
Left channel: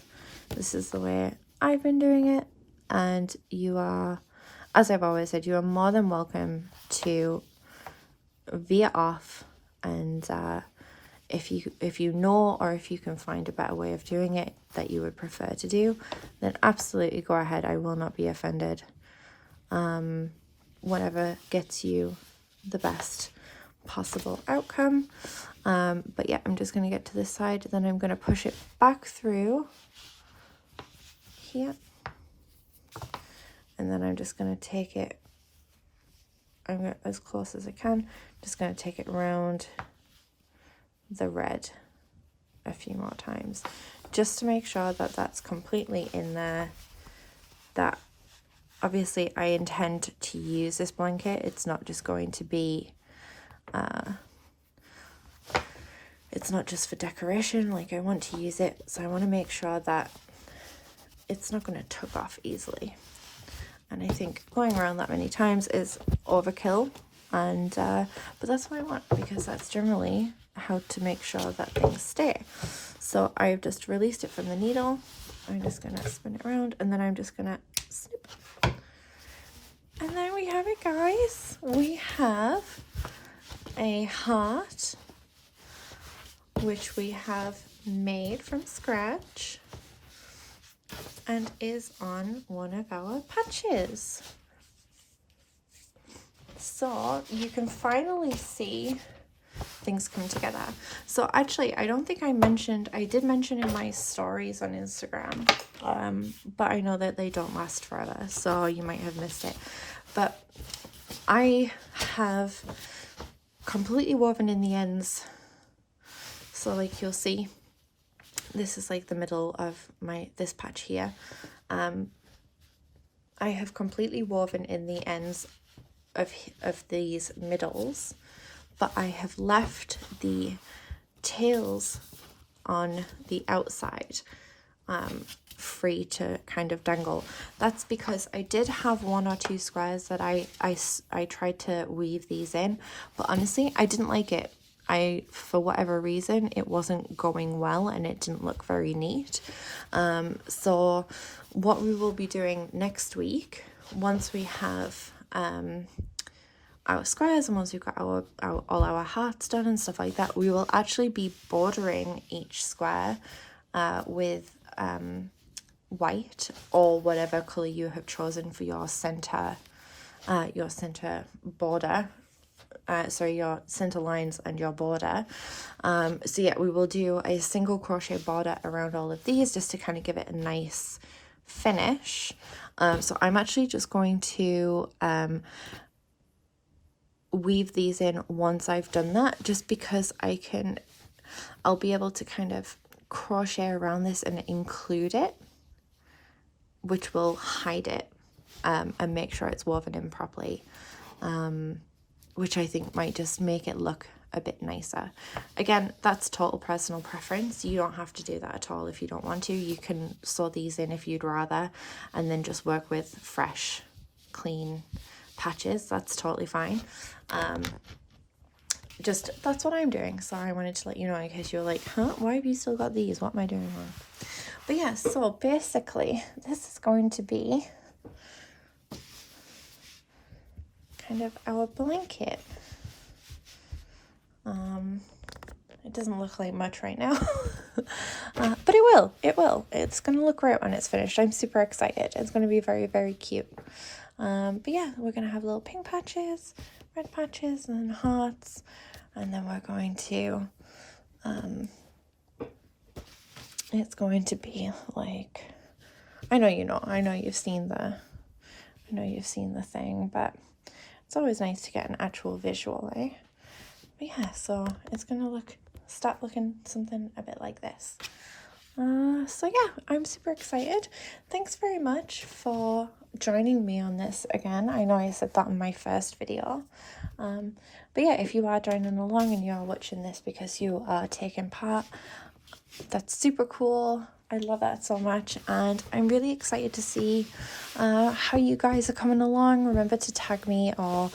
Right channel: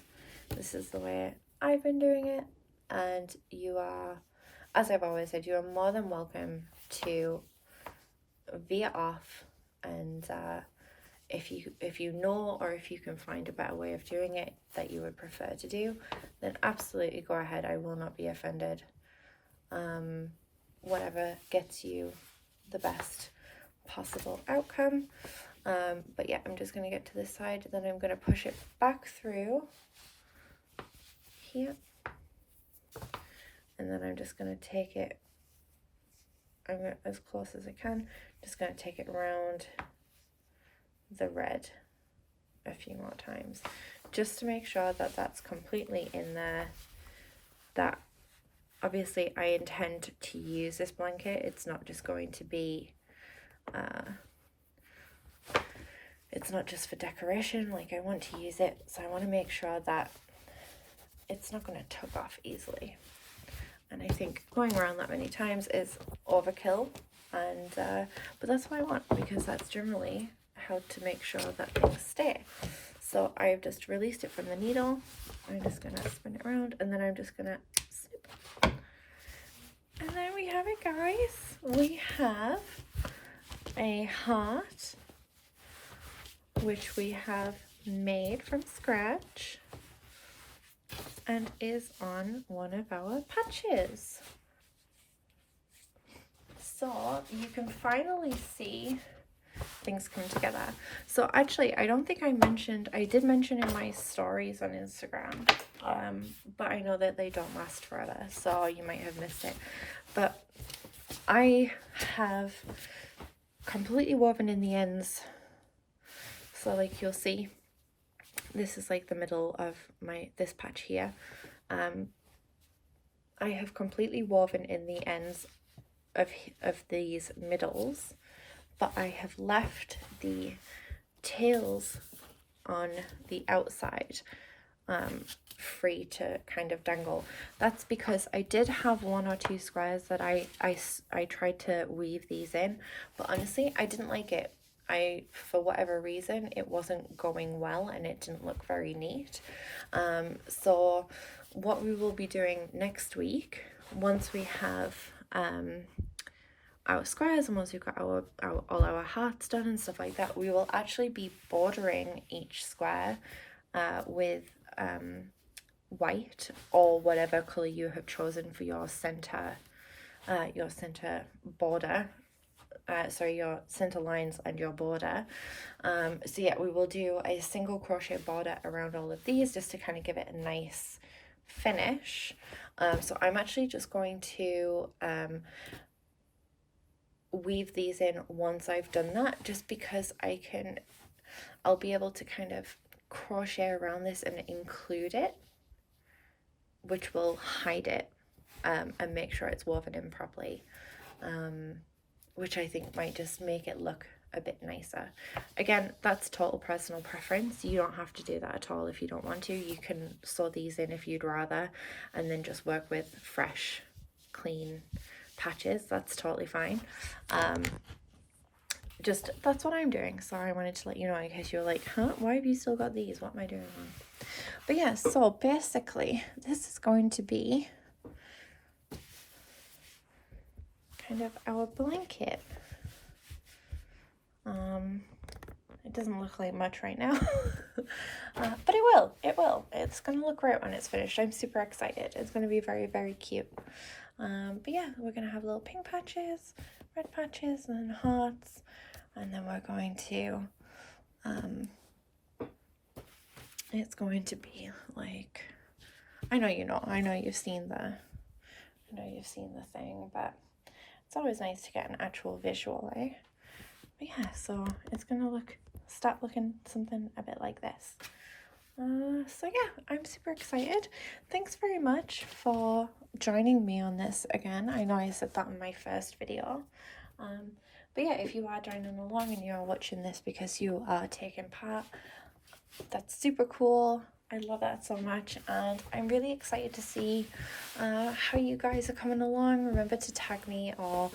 This is the way I've been doing it, and you are, as I've always said, you are more than welcome to veer off, and if you know, or if you can find a better way of doing it that you would prefer to do, then absolutely go ahead. I will not be offended. Whatever gets you the best possible outcome. But yeah, I'm just going to get to this side, then I'm going to push it back through here, and then I'm just going to take it, I'm going as close as I can, just going to take it around the red a few more times, just to make sure that that's completely in there. That obviously I intend to use this blanket. It's not just going to be it's not just for decoration. Like, I want to use it, so I want to make sure that it's not going to tuck off easily. And I think going around that many times is overkill. And but that's what I want, because that's generally how to make sure that things stay. So I've just released it from the needle. I'm just going to spin it around, and then I'm just going to snip. And then we have it, guys. We have a heart, which we have made from scratch and is on one of our patches. So you can finally see things come together. So actually, I don't think I did mention in my stories on Instagram, but I know that they don't last forever, so you might have missed it. But I have completely woven in the ends. So like you'll see, this is like the middle of this patch here. I have completely woven in the ends of these middles, but I have left the tails on the outside free to kind of dangle. That's because I did have 1 or 2 squares that I tried to weave these in, but honestly I didn't like it. For whatever reason, it wasn't going well and it didn't look very neat. So what we will be doing next week, once we have our squares and once we've got all our hearts done and stuff like that, we will actually be bordering each square with white or whatever color you have chosen for your center border. Sorry, your center lines and your border. So yeah, we will do a single crochet border around all of these just to kind of give it a nice finish. So I'm actually just going to weave these in once I've done that, just because I'll be able to kind of crochet around this and include it, which will hide it and make sure it's woven in properly, which I think might just make it look a bit nicer. Again, that's total personal preference. You don't have to do that at all if you don't want to. You can sew these in if you'd rather, and then just work with fresh, clean patches. That's totally fine. Just that's what I'm doing. Sorry, I wanted to let you know in case you're like, huh, why have you still got these? What am I doing wrong? But yeah, so basically this is going to be kind of our blanket. It doesn't look like much right now, but it will. It's going to look great when it's finished. I'm super excited. It's going to be very, very cute. But yeah, we're going to have little pink patches, red patches, and then hearts. And then we're going to, it's going to be like, I know you've seen the thing, but it's always nice to get an actual visual, eh? But yeah, so it's going to start looking something a bit like this. So yeah, I'm super excited. Thanks very much for joining me on this again. I know I said that in my first video. But yeah, if you are joining along and you're watching this because you are taking part, that's super cool. I love that so much, and I'm really excited to see how you guys are coming along. Remember to tag me, or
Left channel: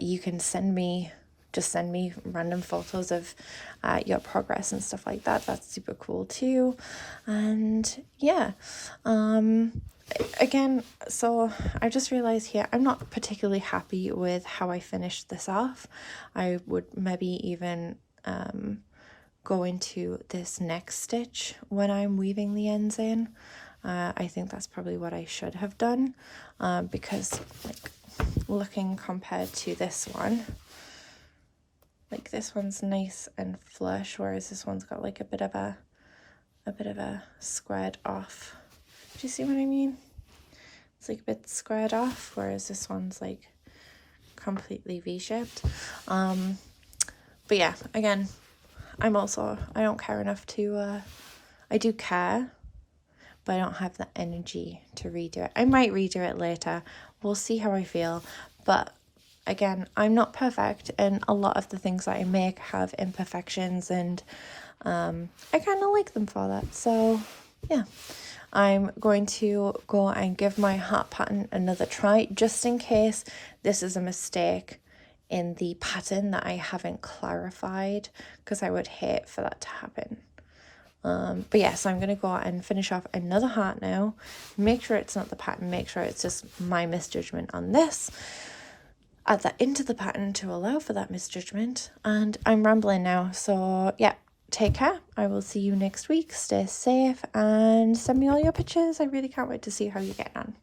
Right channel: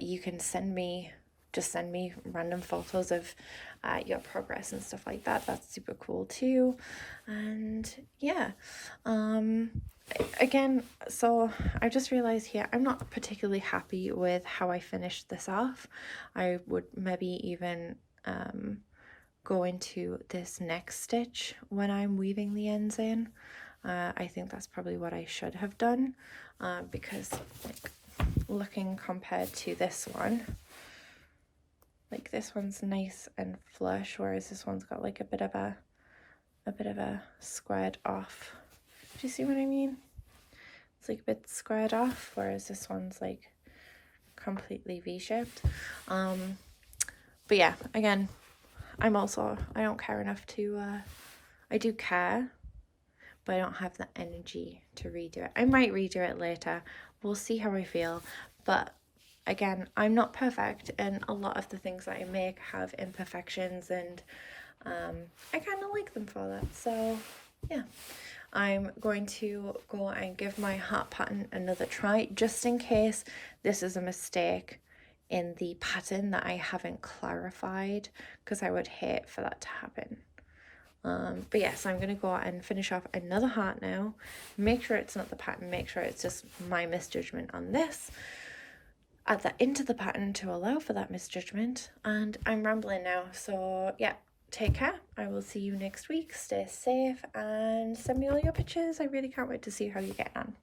you can send me random photos of your progress and stuff like that. That's super cool too. And yeah, again, so I just realized here I'm not particularly happy with how I finished this off. I would maybe even go into this next stitch when I'm weaving the ends in. I think that's probably what I should have done, because like looking compared to this one, like this one's nice and flush, whereas this one's got like a bit of a squared off. Do you see what I mean? It's like a bit squared off, whereas this one's like completely V-shaped. But yeah, again, I don't care enough to, I do care, but I don't have the energy to redo it. I might redo it later. We'll see how I feel. But again, I'm not perfect, and a lot of the things that I make have imperfections, and I kind of like them for that. So yeah, I'm going to go and give my heart pattern another try, just in case this is a mistake in the pattern that I haven't clarified, because I would hate for that to happen. But yes, I'm going to go and finish off another heart now. Make sure it's not the pattern. Make sure it's just my misjudgment on this. Add that into the pattern to allow for that misjudgment. And I'm rambling now. So yeah, take care. I will see you next week. Stay safe and send me all your pictures. I really can't wait to see how you're getting on.